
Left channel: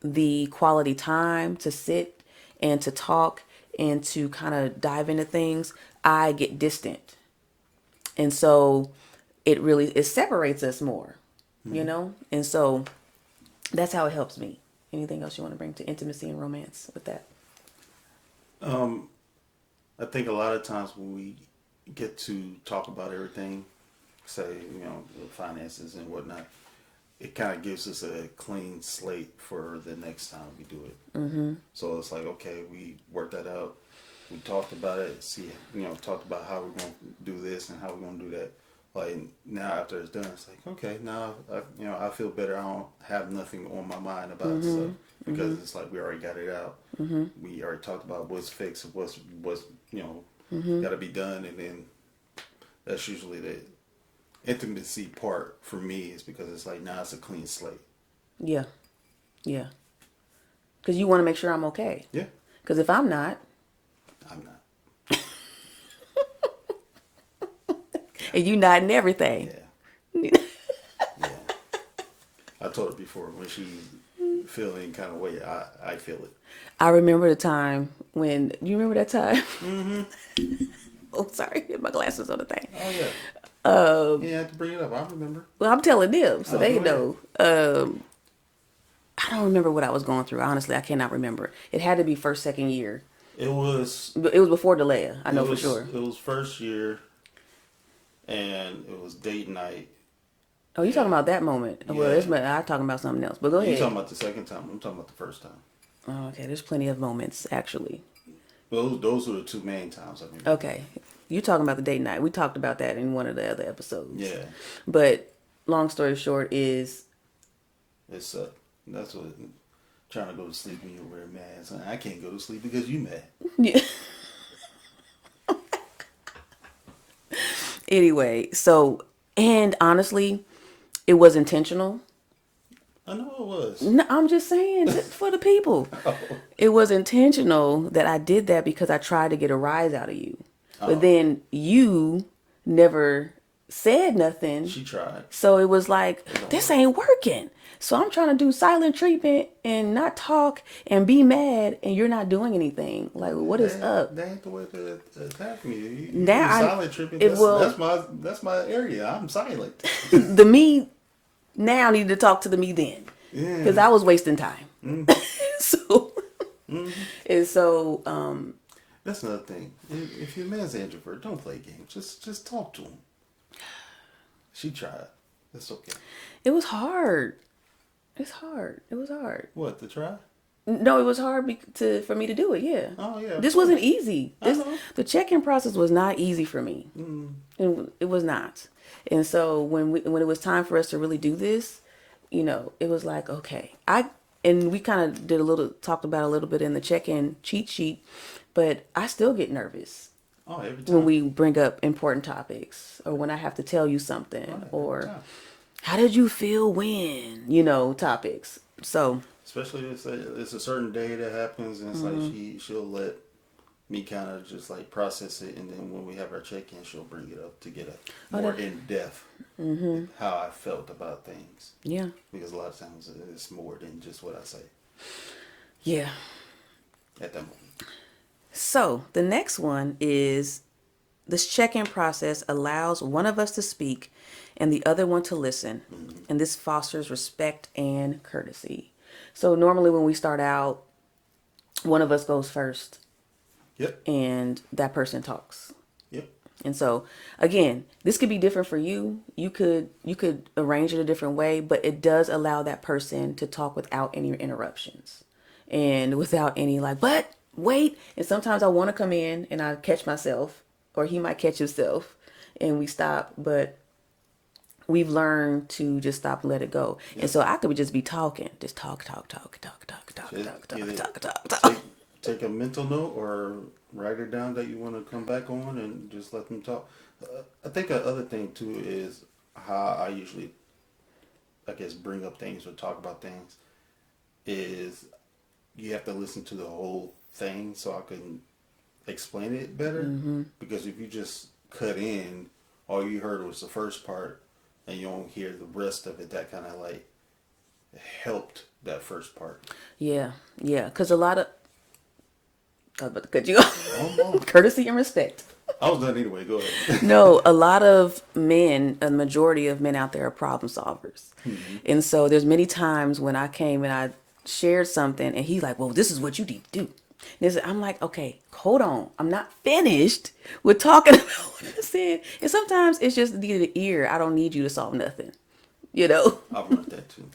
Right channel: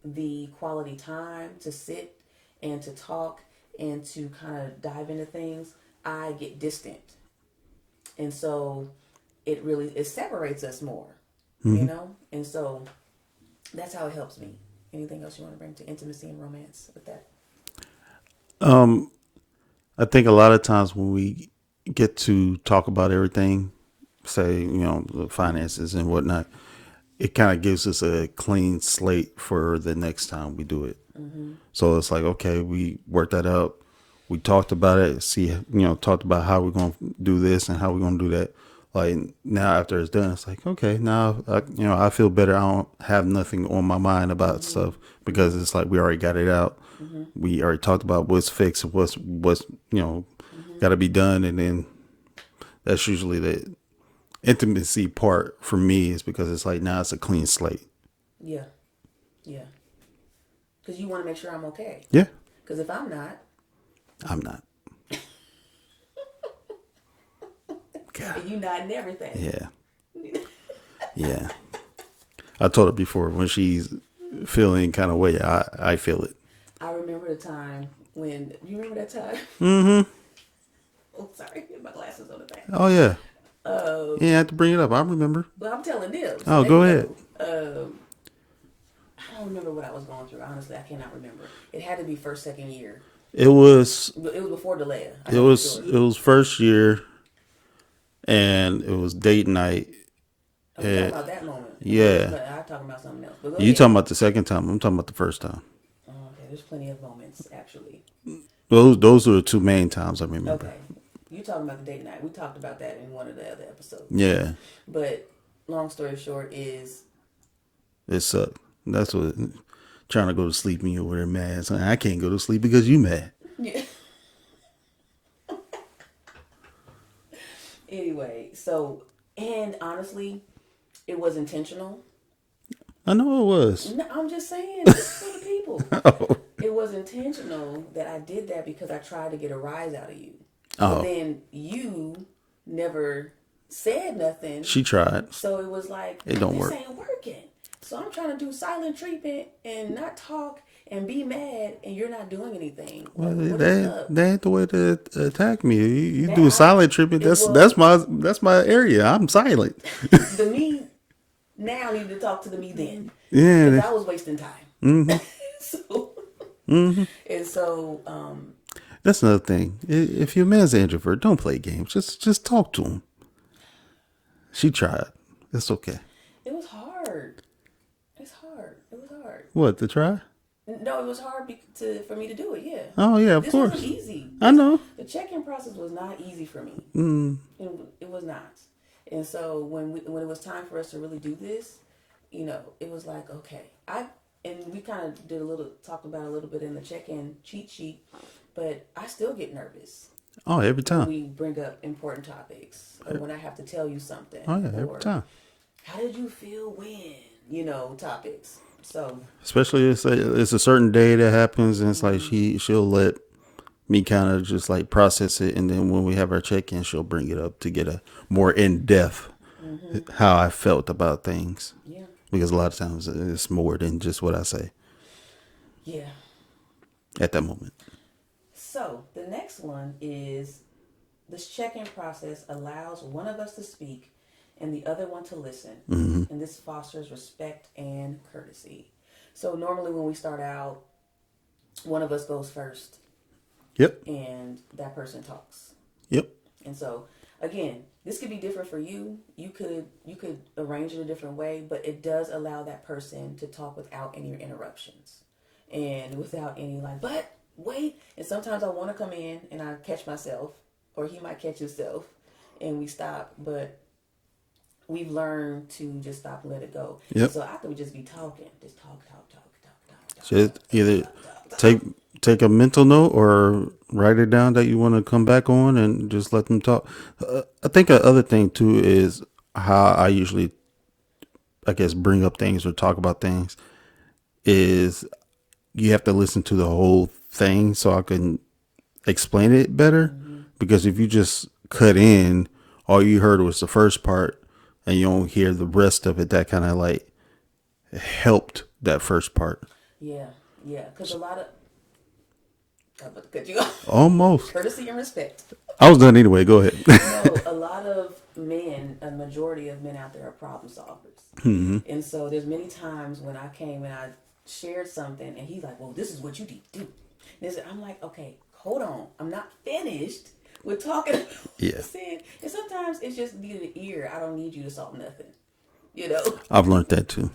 the quality time to sit and to talk and to kind of dive into things, I get distant. And so it separates us more, And so that's how it helps me. Anything else you want to bring to intimacy and romance with that? I think a lot of times when we get to talk about everything, say, the finances and whatnot, it kind of gives us a clean slate for the next time we do it. So it's like, okay, we worked that out. We talked about it, talked about how we're going to do this and how we're going to do that. Like now after it's done, it's like, okay, now, I feel better. I don't have nothing on my mind about stuff because it's like, we already got it out. We already talked about what's fixed, what's got to be done. And then that's usually the intimacy part for me, is because it's like, now it's a clean slate. Yeah. Yeah. Because you want to make sure I'm okay. Yeah. Because if I'm not, I'm not. and you not in everything. Yeah. Yeah. I told her before, when she's feeling kind of way, I feel it. I remember the time when, you remember that time? Mm-hmm. Oh, sorry. My glasses on the thing. Oh yeah. Yeah, I have to bring it up. I remember. Well, I'm telling them, so Oh, they go know. ahead. I don't remember what I was going through. Honestly, I cannot remember. It had to be first, second year. It was. But it was before Delia. I It know was. for sure. It was first year, and it was date night. Oh, you're talking about that moment. Yeah. Well, I'm talking about something else. But go You ahead. talking about the second time? I'm talking about the first time. Oh, okay, there's plenty of moments, actually. Those were the two main times I remember. Okay. You're talking about the date night. We talked about that in one of the other episodes. Yeah. But long story short is, It sucked. That's what. Trying to go to sleep and you're over there mad. So I can't go to sleep because you mad. yeah. Anyway, so, and honestly, it was intentional. I know it was. No, I'm just saying, this is for the people. It was intentional that I did that because I tried to get a rise out of you. But then you never said nothing. She tried. So it was like, It don't this work. ain't working. So I'm trying to do silent treatment and not talk and be mad, and you're not doing anything. Like, what is up? That ain't the way to attack me. You Now do silent treatment. will- That's my area. I'm silent. The me now needed to talk to the me then. Yeah. Because I was wasting time. So, and so, That's another thing. If your man's an introvert, don't play games. Just talk to him. She tried. It's okay. it was hard. It's hard. It was hard. What, to try? No, it was hard for me to do it. Yeah. Oh yeah, of This course. wasn't easy. I know. The check-in process was not easy for me. And it was not. And so when it was time for us to really do this, it was like, okay, and we kind of talked about a little bit in the check-in cheat sheet, but I still get nervous Oh, every when time. we bring up important topics or when I have to tell you something Oh yeah, or every time. How did you feel when? Topics. So, Especially it's a certain day that happens, and it's like she'll let me kind of just like process it, and then when we have our check-in, she'll bring it up to get a oh, more that, in depth how I felt about things. yeah. Because a lot of times it's more than just what I say Yeah. at that moment. So, the next one is this check in process allows one of us to speak and the other one to listen. And this fosters respect and courtesy. So, normally when we start out, one of us goes first Yep. and that person talks. Yep. And so again, this could be different for you. You could arrange it a different way, but it does allow that person to talk without any interruptions and without any like, but wait. And sometimes I want to come in and I catch myself or he might catch himself and we stop, but we've learned to just stop and let it go. And Yep. so I could just be talking, just talk, Just talk, talk, either talk, talk, talk. take a mental note or write it down that you want to come back on and just let them talk. I think a other thing too is how I usually, I guess, bring up things or talk about things is you have to listen to the whole thing so I can explain it better. Because if you just cut in, all you heard was the first part and you don't hear the rest of it, that kind of like helped that first part. Yeah, yeah. Because a lot of, I was about to cut you off. Almost. Courtesy and respect. I was done anyway. Go ahead. No, a lot of men, a majority of men out there are problem solvers. And so there's many times when I came and I shared something and he's like, well, this is what you need to do. I'm like, okay, hold on. I'm not finished with talking about what I Yeah. said. And sometimes it's just the ear. I don't need you to solve nothing. You know? I've learned that too.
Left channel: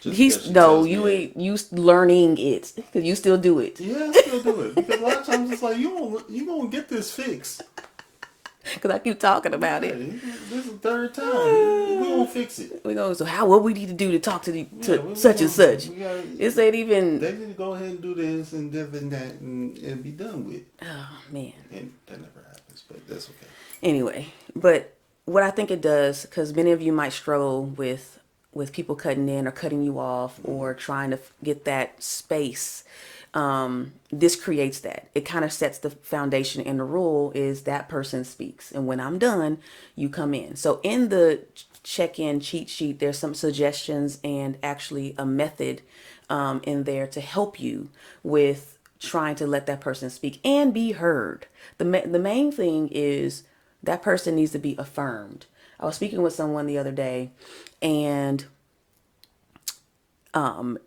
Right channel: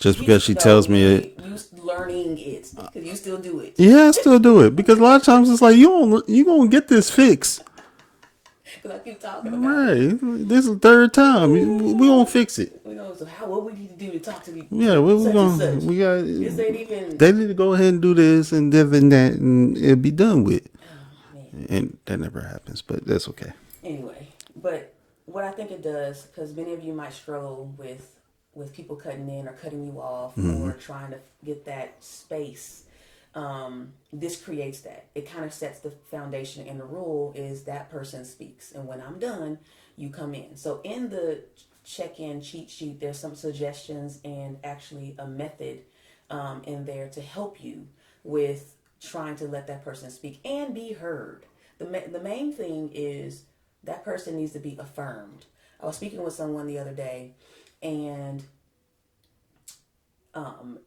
Just because He's, she no, tells me it. you learning it because you still do it. Yeah, I still do it because a lot of times it's like you gonna get this fixed. Because I keep talking about it. Right. This is the third time. We gonna fix it. We go, so what we need to do to talk to, Yeah, to we such and gonna such. we got. This ain't even, They need to go ahead and do this and this and that, and it'll be done with. oh man. And that never happens, but that's okay. Anyway, but what I think it does, because many of you might struggle with people cutting in or cutting you off or trying to get that space. This creates that. It kind of sets the foundation, and the rule is that person speaks, and when I'm done, you come in. So in the check-in cheat sheet, there's some suggestions and actually a method in there to help you with trying to let that person speak and be heard. The main thing is that person needs to be affirmed. I was speaking with someone the other day, and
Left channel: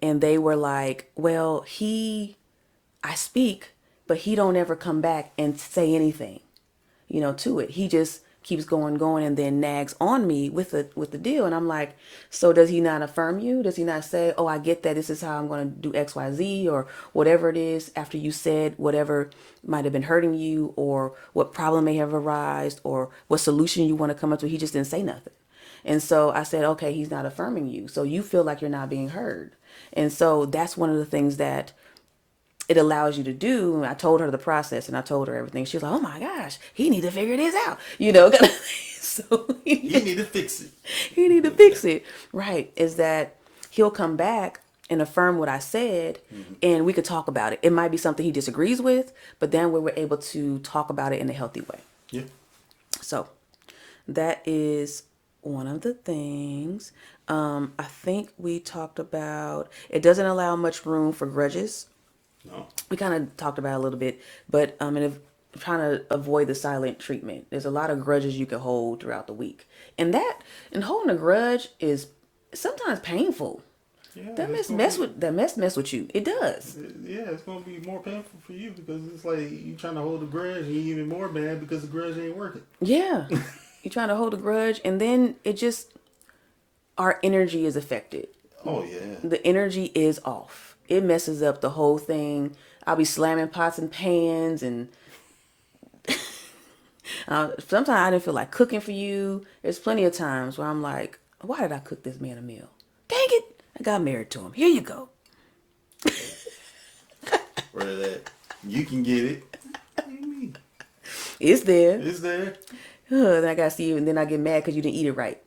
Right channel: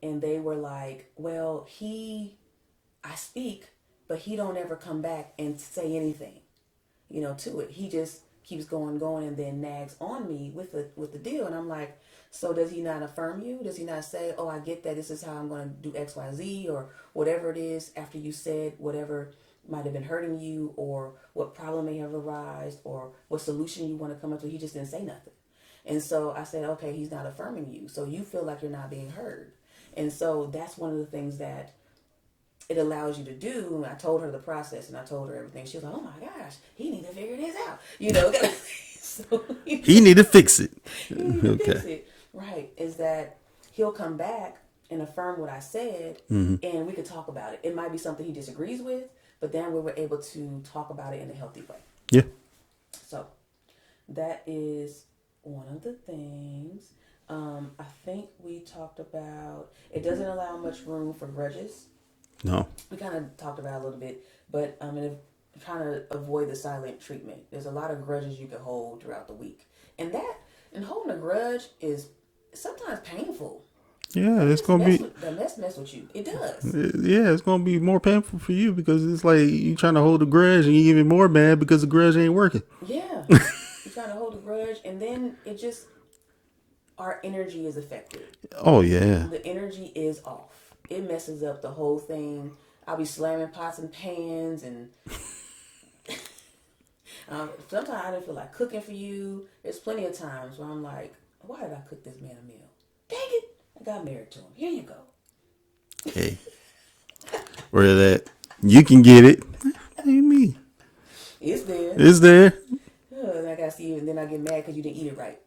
they were like, well, I speak, but he don't ever come back and say anything, to it. He just keeps going, and then nags on me with the deal. And I'm like, so does he not affirm you? Does he not say, oh, I get that this is how I'm going to do XYZ or whatever it is after you said whatever might have been hurting you or what problem may have arisen or what solution you want to come up to? He just didn't say nothing. And so I said, okay, he's not affirming you. So you feel like you're not being heard. And so that's one of the things that it allows you to do. I told her the process and I told her everything. She was like, oh my gosh, he need to figure this out, So He need to fix it. he need to fix it. Right. Is that he'll come back and affirm what I said and we could talk about it. It might be something he disagrees with, but then we were able to talk about it in a healthy way. Yeah. So that is one of the things. I think we talked about it doesn't allow much room for grudges. No. We kind of talked about it a little bit, but and if trying to avoid the silent treatment. There's a lot of grudges you can hold throughout the week, and holding a grudge is sometimes painful. Yeah, That it's mess, gonna mess be. with that mess with you. It does. Yeah, it's gonna be more painful for you because it's like you trying to hold a grudge and you even more mad because the grudge ain't working. Yeah, you're trying to hold a grudge, and then it just our energy is affected. Oh yeah. The energy is off. It messes up the whole thing. I'll be slamming pots and pans, and sometimes I didn't feel like cooking for you. There's plenty of times where I'm like, why did I cook this man a meal? Dang it! I got married to him. Here you go. Hey, where that you can get it. Ain't me. It's there. It's there. Then I got to see you, and then I get mad because you didn't eat it right.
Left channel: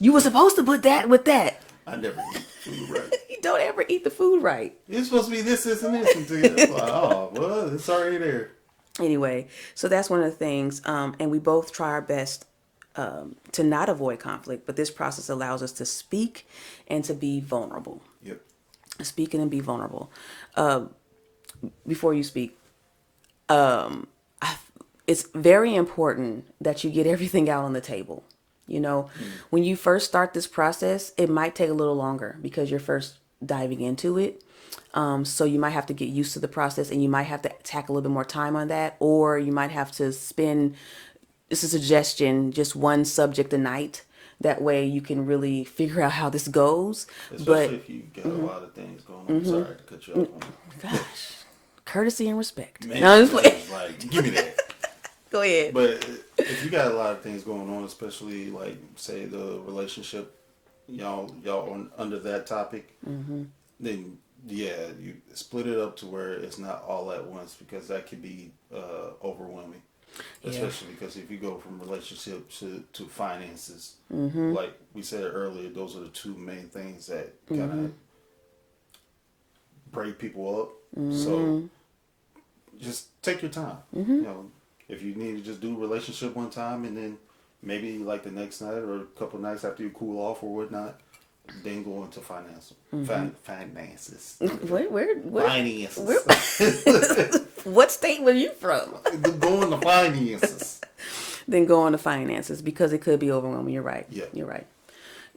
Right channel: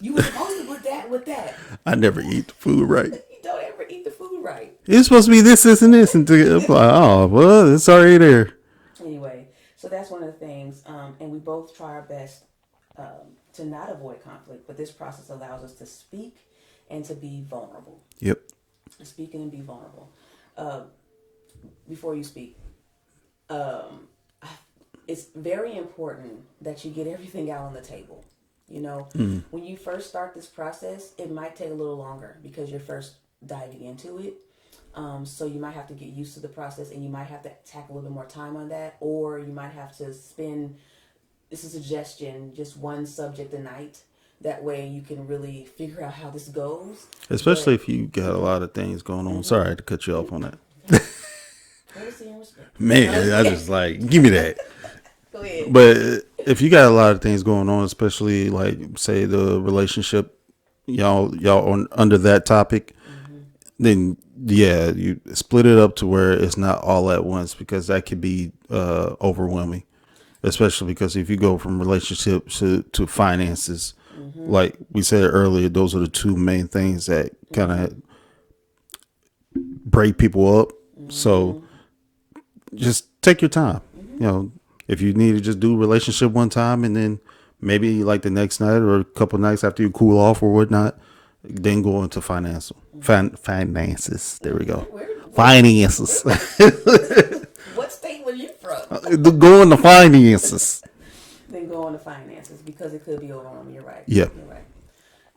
You were supposed to put that with that. I never eat the food right. You don't ever eat the food right. It's supposed to be this, and this. And I'm like, oh, well, it's already there. Anyway, so that's one of the things. And we both try our best to not avoid conflict, but this process allows us to speak and to be vulnerable. Yep. Speaking and be vulnerable. Before you speak, it's very important that you get everything out on the table. When you first start this process, it might take a little longer because you're first diving into it. So you might have to get used to the process, and you might have to tack a little bit more time on that, or you might have to spend, this is a suggestion, just one subject a night. That way you can really figure out how this goes. Especially if you got a lot of things going on. Sorry to cut you off on that. Gosh, courtesy and respect. Man, I just like, give me that. Go ahead. But if you got a lot of things going on, especially like say the relationship, y'all on under that topic, then yeah, you split it up to where it's not all at once, because that could be overwhelming. Especially because if you go from relationships to finances, like we said earlier, those are the two main things that kind of break people up. So just take your time. If you need to just do relationship one time, and then maybe like the next night or a couple nights after you cool off or whatnot, then go into finances. There we go. Finances. What state were you from? Go into finances. Then go on to finances, because it could be overwhelming. You're right. Yeah. You're right.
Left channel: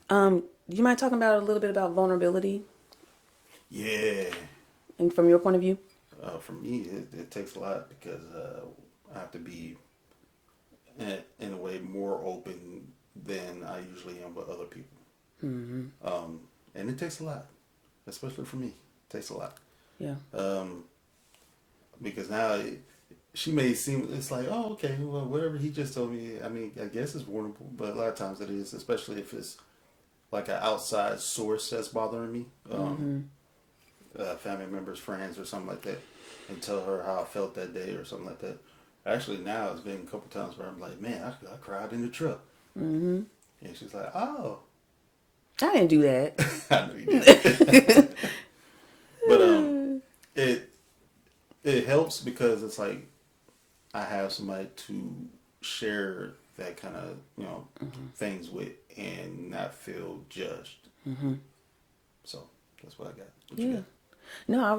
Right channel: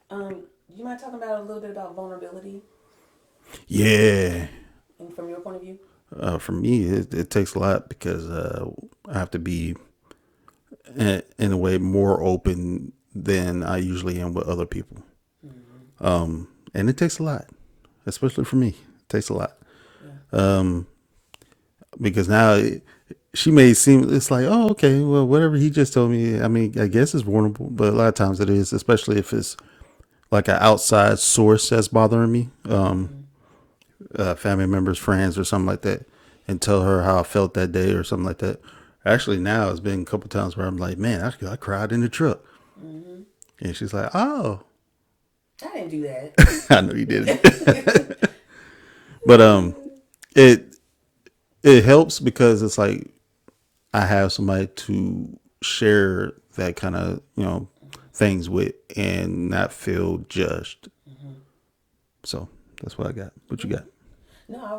You mind talking about a little bit about vulnerability, Yeah. and from your point of view? For me, it takes a lot, because I have to be in a way more open than I usually am with other people. And it takes a lot, especially for me. It takes a lot. Yeah. Because now she may seem, it's like, oh, okay, well, whatever he just told me, I mean, I guess it's vulnerable, but a lot of times it is, especially if it's like an outside source that's bothering me, family members, friends, or something like that, and tell her how I felt that day or something like that. Actually, now it's been a couple times where I'm like, man, I cried in the truck. And she's like, oh. I didn't do that. I know you didn't. But it helps, because it's like I have somebody to share that kind of things with and not feel judged. So that's what I got. What you got? No, I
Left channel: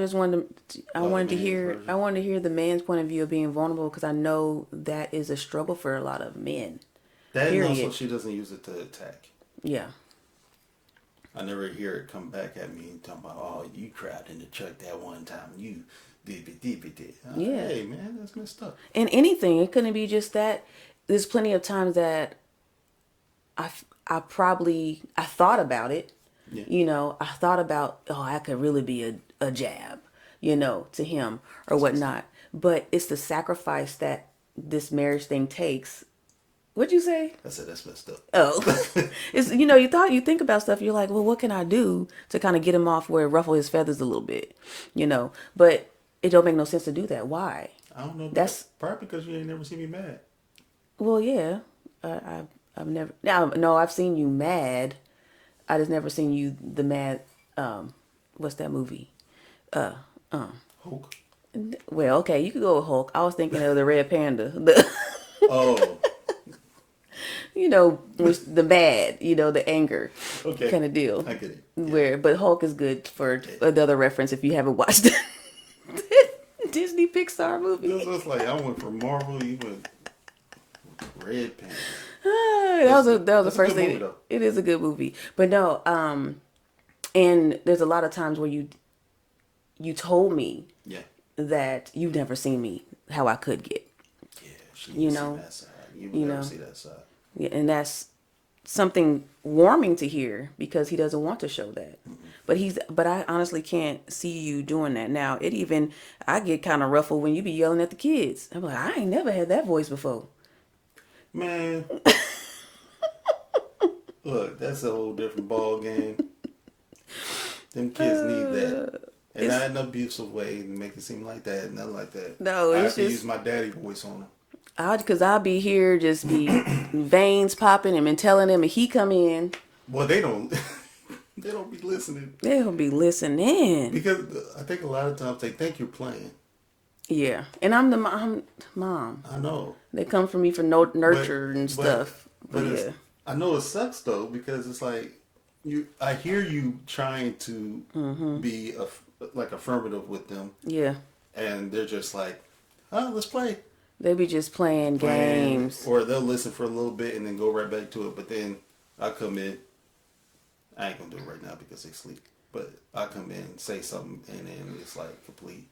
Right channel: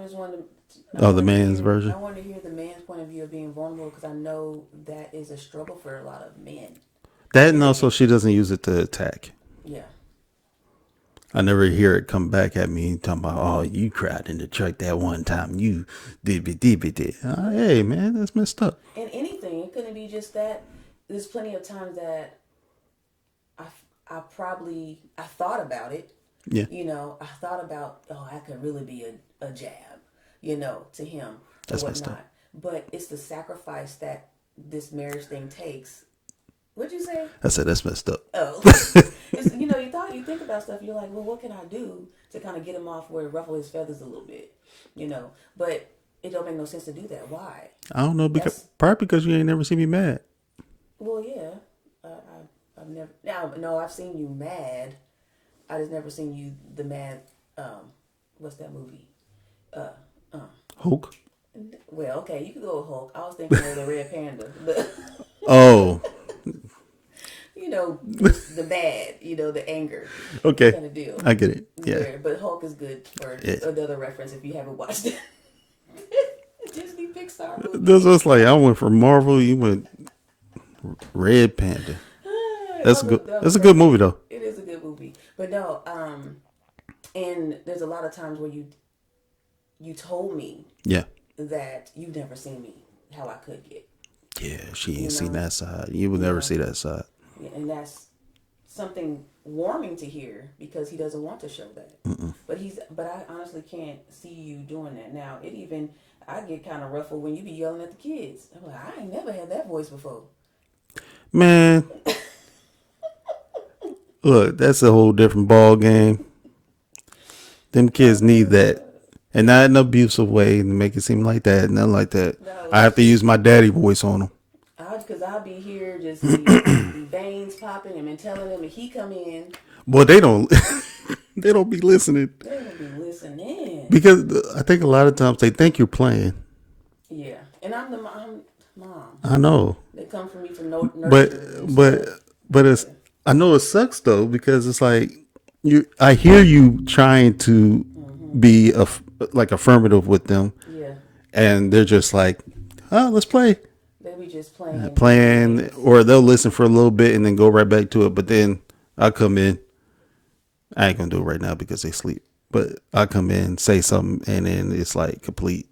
just wanted to. The man's version. I wanted to hear the man's point of view of being vulnerable, because I know that is a struggle for a lot of men. That, and also she doesn't use it to attack. Yeah. I never hear it come back at me talking about, oh, you cried in the truck that one time. You did. Oh, hey, man, that's messed up. And anything, it couldn't be just that. There's plenty of times that I thought about it. Yeah. I thought about, oh, I could really be a jab, to him or That's whatnot. But it's the sacrifice that this marriage thing takes. What'd you say? I said that's messed up. Oh, it's you think about stuff. You're like, well, what can I do to kind of get him off where ruffle his feathers a little bit, But it don't make no sense to do that. Why? I don't know. Probably because you ain't never seen me mad. Well, yeah, I've never. Now, no, I've seen you mad. I just never seen you the mad. What's that movie? Hulk. Well, okay, you could go with Hulk. I was thinking of the Red Panda. Oh. The bad, the anger, okay, kind of deal. I get it. Yeah. But Hulk is good for another reference if you haven't watched the Disney Pixar movie. This was like, I went from Marvel, you went Red Panda. That's a good movie, though. It is a good movie, but no, and there's a lot of times where you told me, that you've never seen me how I could get. Yeah, she ain't seen that side. You will never see that side. Yeah, and that's something warming to hear, because he doesn't want to show that. But I honestly can't see you doing that now. I get kind of ruffled when you be yelling at the kids. I'm like, I ain't never had that voice before. Man, look, that's a whole different ball game. Them kids need that, and not in an abusive way to make it seem like that. Nothing like that. No, I have to use my daddy voice on them. Because I'll be here, just be veins popping and been telling them, and he come in, Well, they don't. They don't be listening they'll be listening. because I think a lot of times they think you're playing. Yeah, and I'm the mom. I know, They come for me for no but nurture and but stuff. but it's. Yeah, I know it sucks though because it's like you. I hear you trying to be like affirmative with them, yeah. and they're just like, "Oh, let's play." They be just playing Playing, games. or they'll listen for a little bit and then go right back to it. But then I come in. I ain't gonna do it right now because they sleep. But I come in, say something, and then it's like complete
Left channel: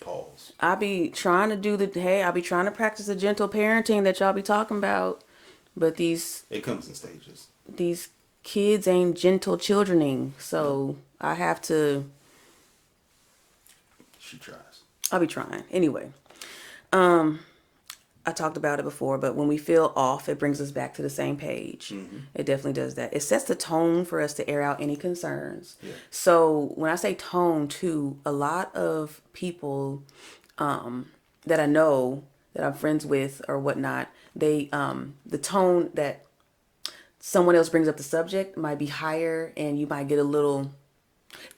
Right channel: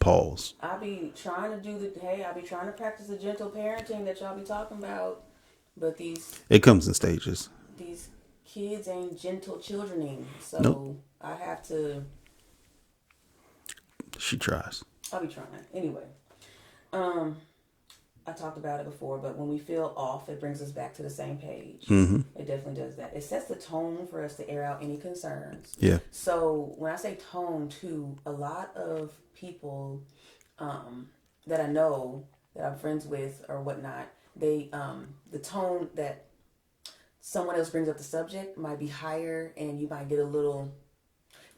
pause. I be trying to do I be trying to practice the gentle parenting that y'all be talking about, but It comes in stages. these kids ain't gentle childrening, Nope. so I have to. She tries. I'll be trying anyway. I talked about it before, but when we feel off, it brings us back to the same page. It definitely does that. It sets the tone for us to air out any concerns. Yeah. So when I say tone, too, a lot of people that I know that I'm friends with or whatnot, they the tone that someone else brings up the subject might be higher, and you might get a little.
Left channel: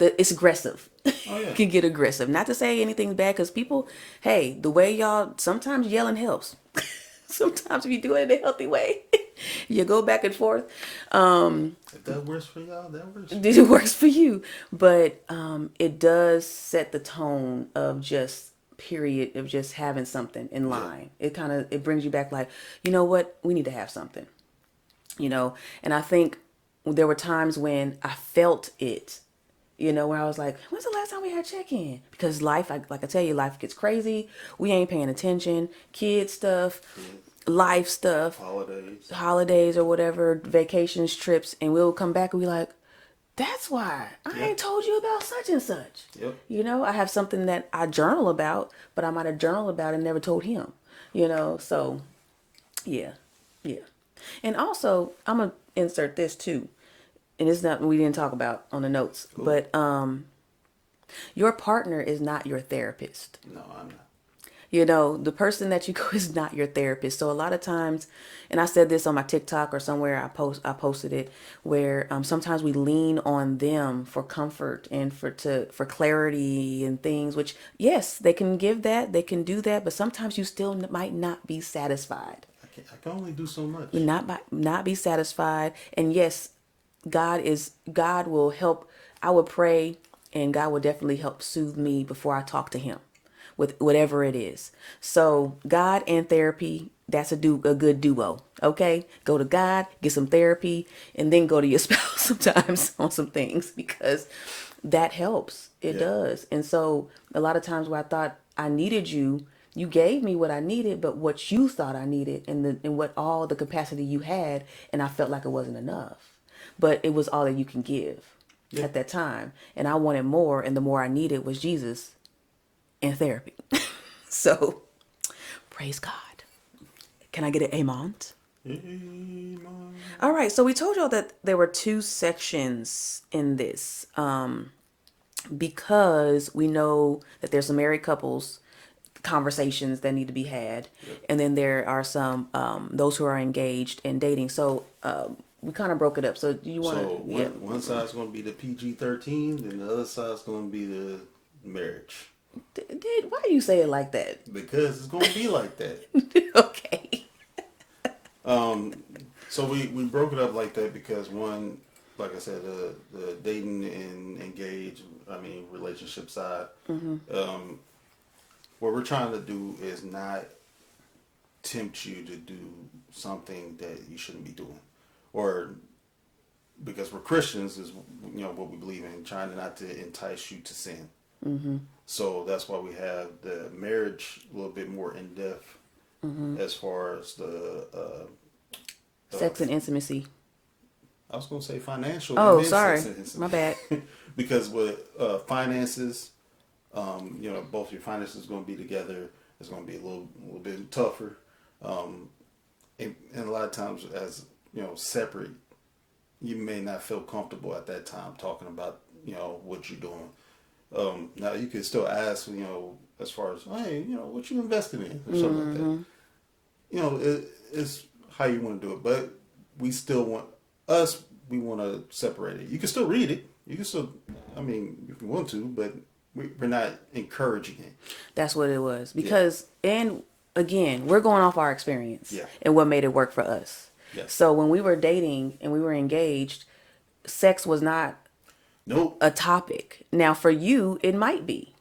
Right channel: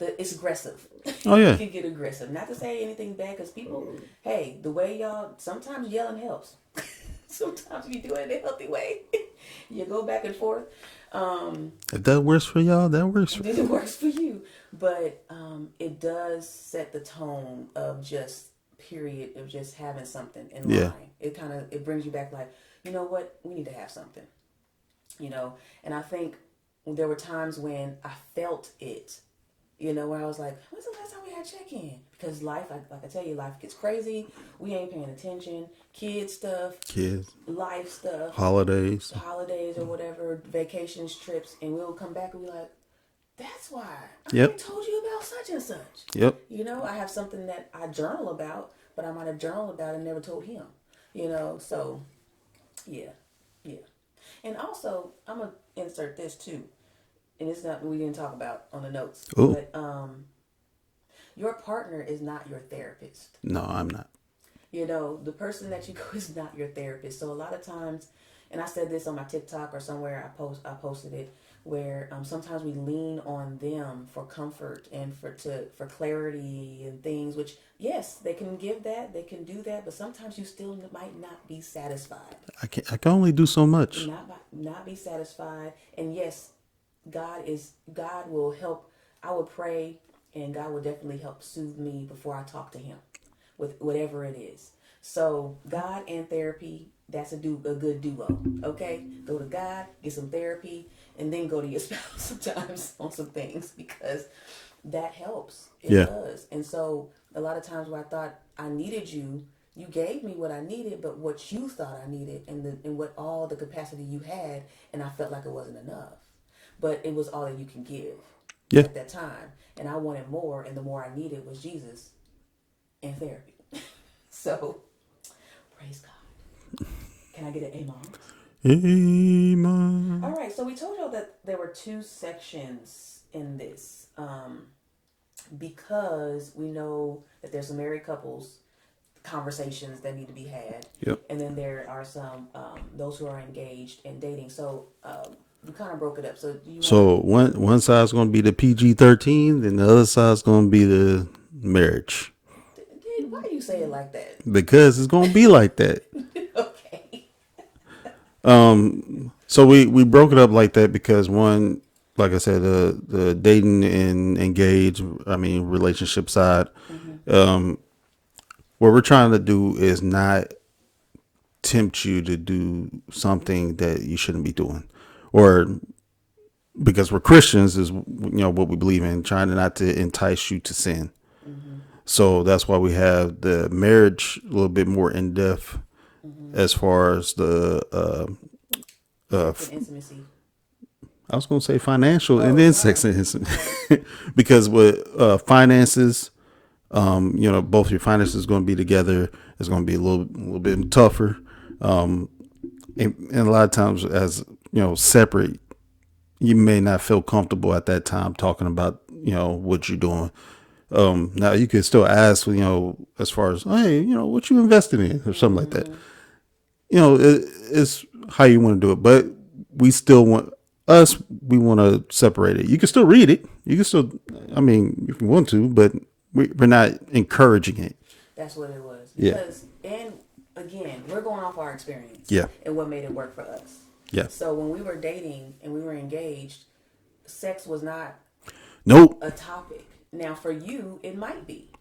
It's aggressive. Oh It yeah. can get aggressive. Not to say anything bad, because people, hey, the way y'all sometimes yelling helps. Sometimes if you do it in a healthy way, you go back and forth. If that works for y'all, that works. It works for you, but it does set the tone of just period of just having something in Yeah. line. It brings you back like, you know what, we need to have something, and I think there were times when I felt it, where I was like, when's the last time we had check-in? Because life, like I tell you, life gets crazy. We ain't paying attention. Kid stuff, Kids, life stuff, holidays. holidays or whatever, vacations, trips, and we'll come back and be like, that's why I Yep. ain't told you about such and such. Yep. I have something that I journal about, but I might have journaled about and never told him. So yeah, yeah. And also, I'm gonna insert this too, and it's not we didn't talk about on the notes, Oh but your partner is not your therapist. no, I'm not. The person that you go is not your therapist. So a lot of times, and I said this on my TikTok or somewhere I posted it, where sometimes we lean on them for comfort and for clarity and things, which yes, they can give that, they can do that, but sometimes you still might not be satisfied. I can only do so You much. not be satisfied. And yes, God will help. I would pray, and God will definitely help soothe me before I talk to him with whatever it is. So God and therapy, that's a good duo. Okay, go to God, get some therapy, and then go to your spouse sometimes on some things, because that helps. It Yeah. does. And so a lot of times where I thought I needed you, you gave me what I needed, but what you thought I needed, and what all the capacity you had, and I felt like it wasn't enough. But it was all that you can give Yeah. at that time. And I wanted more, and the more I needed was Jesus and therapy. So praise God. Can I get an amen? Amen. All right, so we told y'all that there were two sections in this, because we know that there's some married couples conversations that need to be had, Yep. and then there are some those who are engaged and dating. So we kind of broke it up. So do you want to? So one side's gonna be the PG-13, then the other side's gonna be the marriage. Did why do you say it like that? Because it's gonna be like that. Okay. So we broke it up like that because one, like I said, the dating and engage, I mean relationship side, what we're trying to do is not tempt you to do something that you shouldn't be doing, or because we're Christians is what we believe in, trying not to entice you to sin. So that's why we have the marriage a little bit more in depth as far as the Sex and intimacy. I was going to say financial and Oh, then sorry. sex and My bad. because with finances, both your finances going to be together. It's going to be a little bit tougher, and a lot of times as separate, you may not feel comfortable at that time talking about what you're doing. Now you can still ask as far as, hey, what you invested in or something like that. it's how you want to do it, but we still want us. We want to separate it. You can still read it. You can still, I mean, if you want to, but we're not encouraging it. That's what it was. Yeah. Because, and again, we're going off our experience Yeah. and what made it work for us. Yes. So when we were dating and we were engaged, sex was not Nope. a topic. Now, for you, it might be.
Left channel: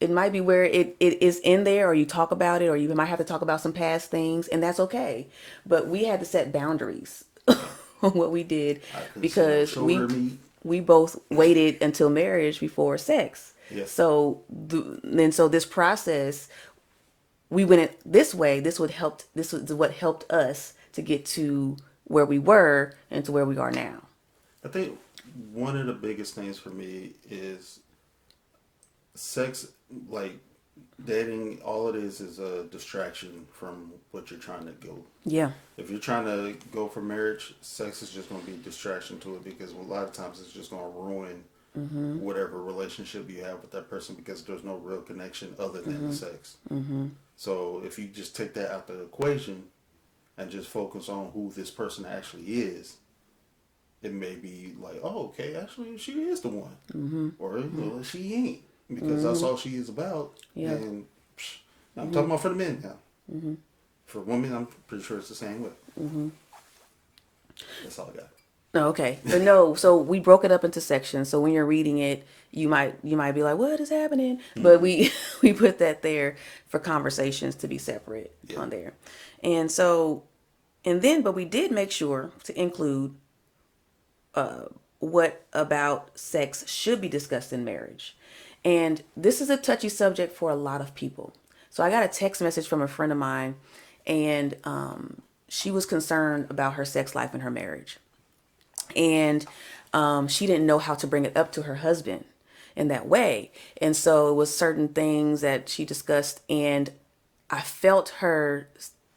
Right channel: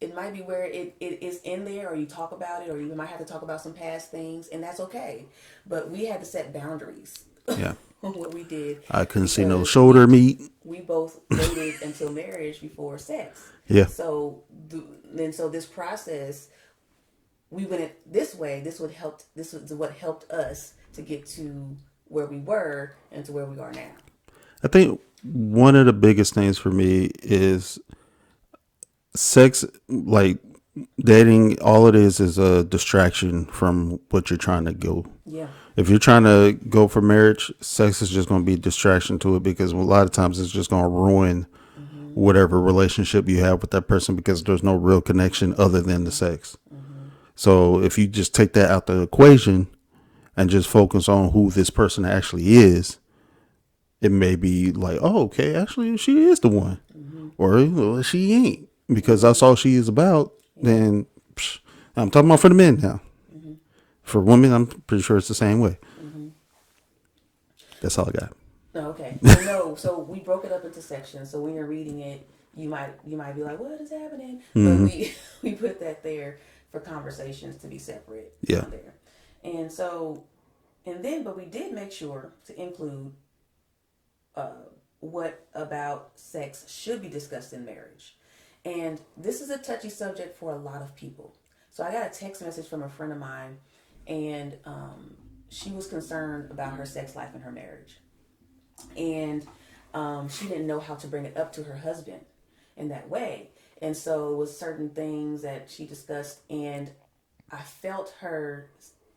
It might be where it is in there, or you talk about it, or you might have to talk about some past things, and that's okay. But we had to set boundaries Yeah. on what we did I couldn't see no because shoulder meat. we both waited until marriage before sex. Yeah. So so this process, we went it this way. This was what helped us to get to where we were and to where we are now. I think one of the biggest things for me is sex, like dating. All it is a distraction from what you're trying to go. Yeah. If you're trying to go for marriage, sex is just going to be a distraction to it, because a lot of times it's just going to ruin whatever relationship you have with that person, because there's no real connection other than the sex. So if you just take that out the equation and just focus on who this person actually is, it may be like, oh, okay, actually she is the one, or well, she ain't, because that's all she is about. Then I'm talking about for the men now. For women, I'm pretty sure it's the same way. That's all I got. No, okay. But no, so we broke it up into sections. So when you're reading it, you might be like, "What is happening?" But we we put that there for conversations to be separate Yeah. on there. And so but we did make sure to include what about sex should be discussed in marriage. And this is a touchy subject for a lot of people. So I got a text message from a friend of mine, and she was concerned about her sex life in her marriage. And she didn't know how to bring it up to her husband in that way. And so it was certain things that she discussed, and I felt her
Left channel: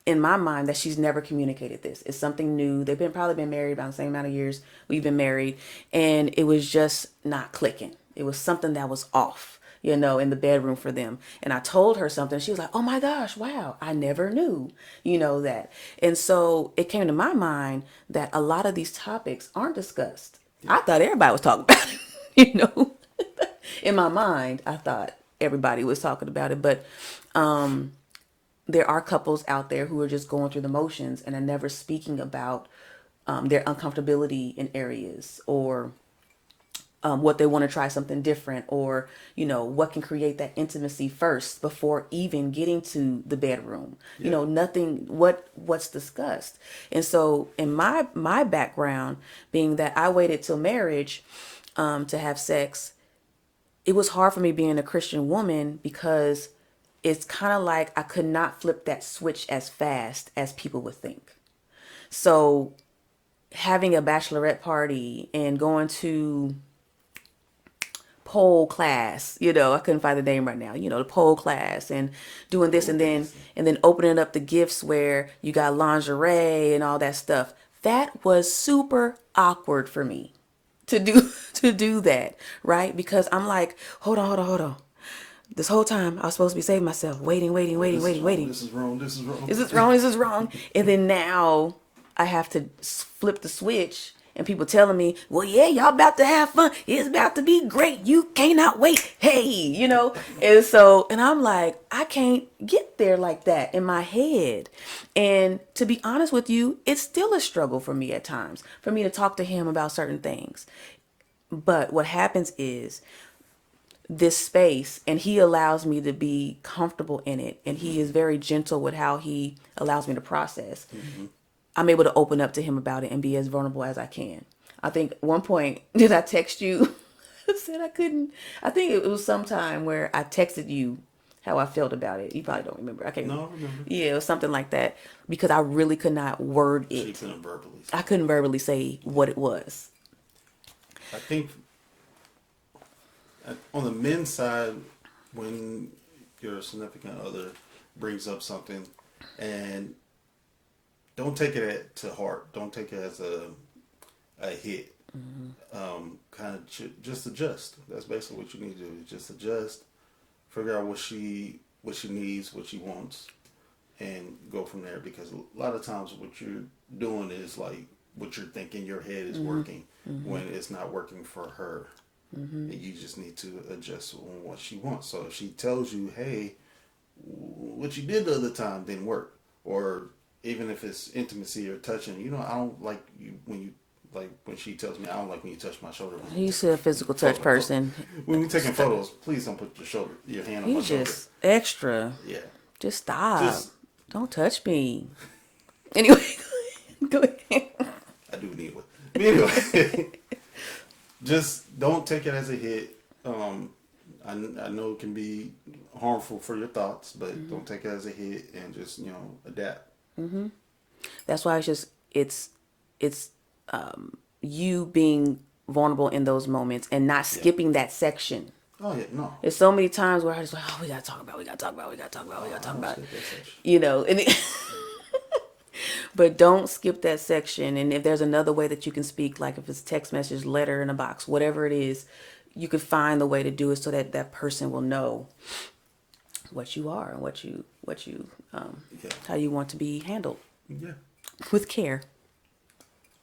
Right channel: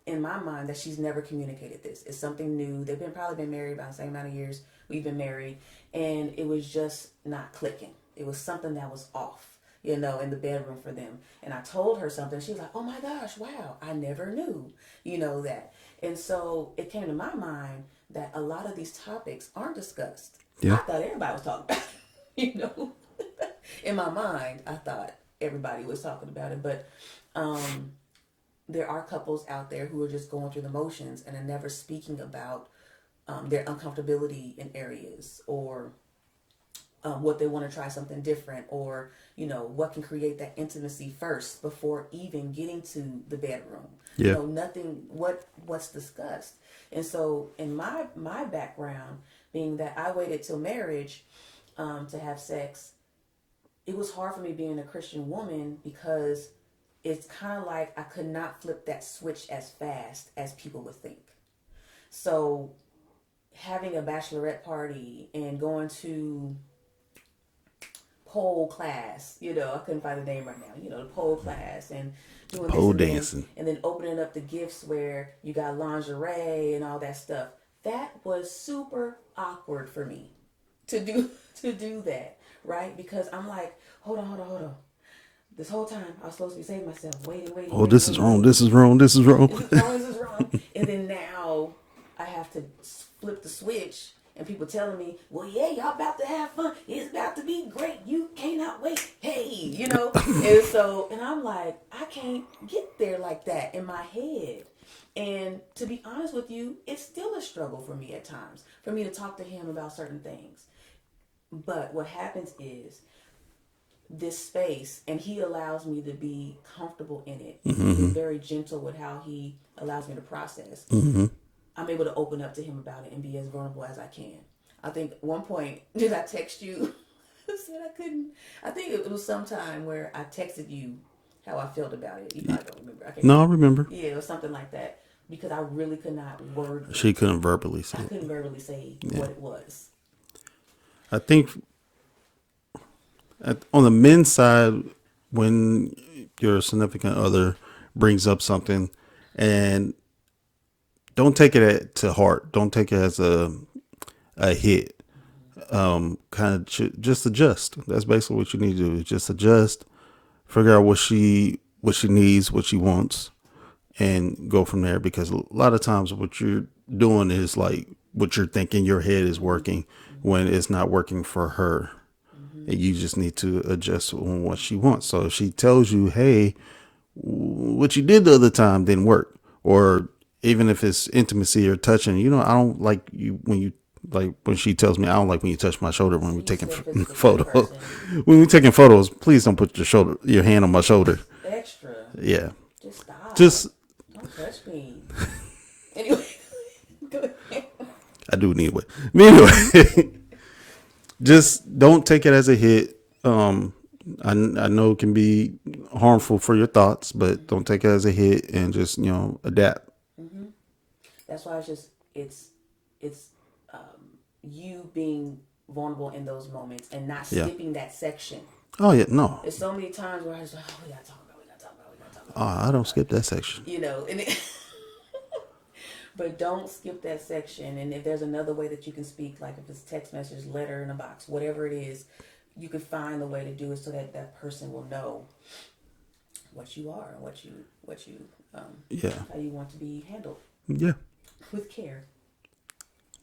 in my mind that she's never communicated this. It's something new. They've been probably been married about the same amount of years we've been married, and it was just not clicking. It was something that was off, in the bedroom for them. And I told her something. She was like, "Oh my gosh, wow, I never knew, that." And so it came to my mind that a lot of these topics aren't discussed. Yeah. I thought everybody was talking about it, In my mind, I thought everybody was talking about it, but there are couples out there who are just going through the motions and are never speaking about their uncomfortability in areas, or what they want to try something different, or what can create that intimacy first before even getting to the bedroom. Yeah. Nothing what's discussed. And so in my background, being that I waited till marriage to have sex, it was hard for me being a Christian woman, because it's kind of like I could not flip that switch as fast as people would think. So having a bachelorette party and going to pole class, I couldn't find the name right now, the pole class, and doing this, Pole and then dancing. opening up the gifts where you got lingerie and all that stuff. That was super awkward for me to do to do that, right? Because I'm like, hold on. This whole time I was supposed to be saving myself, waiting, Oh, this is wrong. waiting. This is wrong. This is wrong. Is this wrong? Is this wrong? And then now I have to flip the switch, and people telling me, "Well, yeah, y'all about to have fun. It's about to be great. You cannot wait." Hey, and I'm like, I can't get there like that in my head. And to be honest with you, it's still a struggle for me at times, for me to talk to him about certain things. But what happens is this space, and he allows me to be comfortable in it, and he is very gentle with how he allows me to process. I'm able to open up to him about it and be as vulnerable as I can. I think at one point, did I text you? I said I couldn't. I think it was sometime where I texted you how I felt about it. You probably don't remember. I can't No, I remember. remember. Yeah, it was something like that, because I really could not word it. She couldn't verbally say I it. couldn't verbally say what it was. I think on the men's side, when your significant other brings up something, and don't take it to heart, don't take it as a hit. Kind of just adjust. That's basically what you need to do. Just adjust, figure out what she needs, what she wants, and go from there. Because a lot of times what you're doing is like what you're thinking your head is working when it's not working for her. And you just need to adjust on what she wants. So if she tells you, hey, what you did the other time didn't work, or even if it's intimacy or touching, I don't like you when you like when she tells me I don't like when you touch my shoulder when we're You taking said physical touch photos. person. When we're taking photos, please don't put your hand on my You shoulder. just extra. Yeah, Just stop. just Don't touch me. Anyway, go ahead. I do need one. Anyway, just don't take it as a hit. I know it can be harmful for your thoughts, but don't take it as a hit and just adapt. That's why it's you being vulnerable in those moments and not Yeah. skipping that section. Oh yeah, no. There's so many times where I just like, oh, we gotta talk about, we gotta talk about, we gotta talk about, we gotta I talk don't about. skip that section. But don't skip that section. And if there's another way that you can speak, like if it's text message, letter in a box, whatever it is, you could find the way to do it so that that person will know what you are and what you Yeah. how you want to be handled Yeah. with care.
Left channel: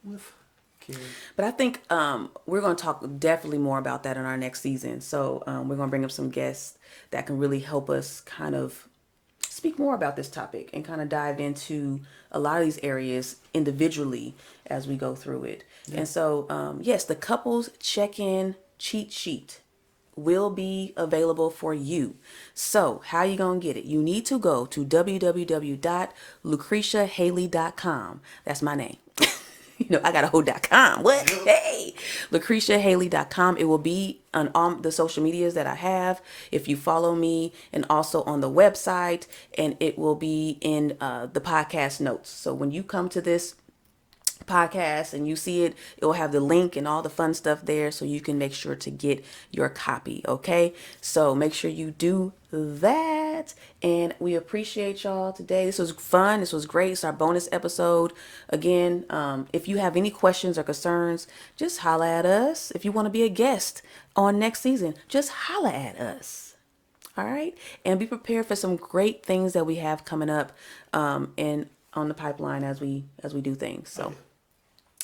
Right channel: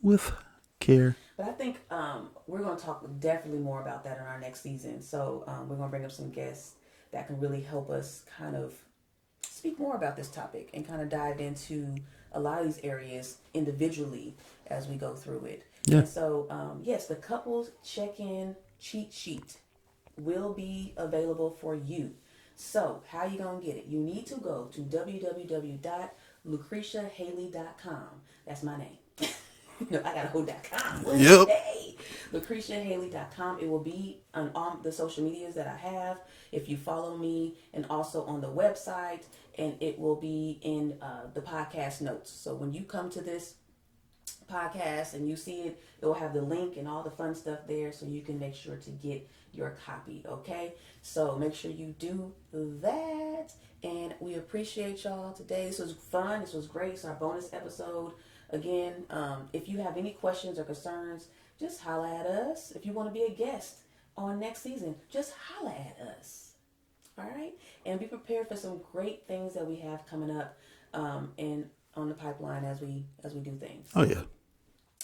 With care. But I think we're going to talk definitely more about that in our next season. So we're going to bring up some guests that can really help us kind of speak more about this topic and kind of dive into a lot of these areas individually as we go through it. Yeah. And so, yes, the couples check-in cheat sheet will be available for you. So how you going to get it? You need to go to www.lucretiahaley.com. That's my name. I got a whole .com. What? Yep. Hey, LucretiaHaley.com. It will be on all the social medias that I have if you follow me, and also on the website, and it will be in the podcast notes. So when you come to this podcast and you see it, it will have the link and all the fun stuff there, so you can make sure to get your copy. Okay, so make sure you do that, and we appreciate y'all today. This was fun. This was great. It's our bonus episode. Again, if you have any questions or concerns, just holla at us. If you want to be a guest on next season, just holla at us. All right, and be prepared for some great things that we have coming up and on the pipeline as we do things. So, Oh yeah.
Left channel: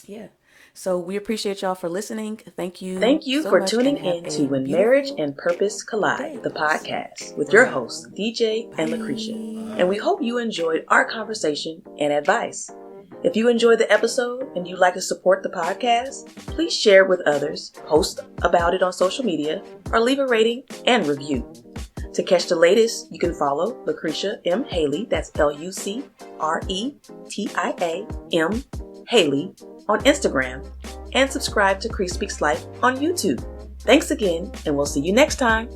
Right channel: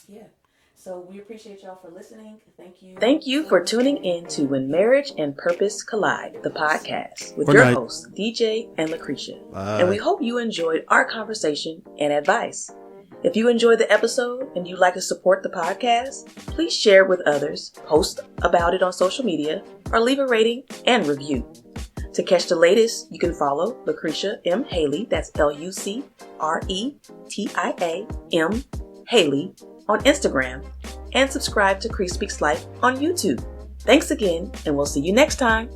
yeah. So we appreciate y'all for listening. Thank you. Thank you so for much, tuning and have in a to When beautiful Marriage and Purpose day. Collide, the podcast, with Good your night. hosts, DJ and Lucretia. Bye. And we hope you enjoyed our conversation and advice. If you enjoyed the episode and you'd like to support the podcast, please share it with others, post about it on social media, or leave a rating and review. To catch the latest, you can follow Lucretia M. Haley, that's LucretiaM. Haley, on Instagram, and subscribe to Cree Speaks Life on YouTube. Thanks again, and we'll see you next time.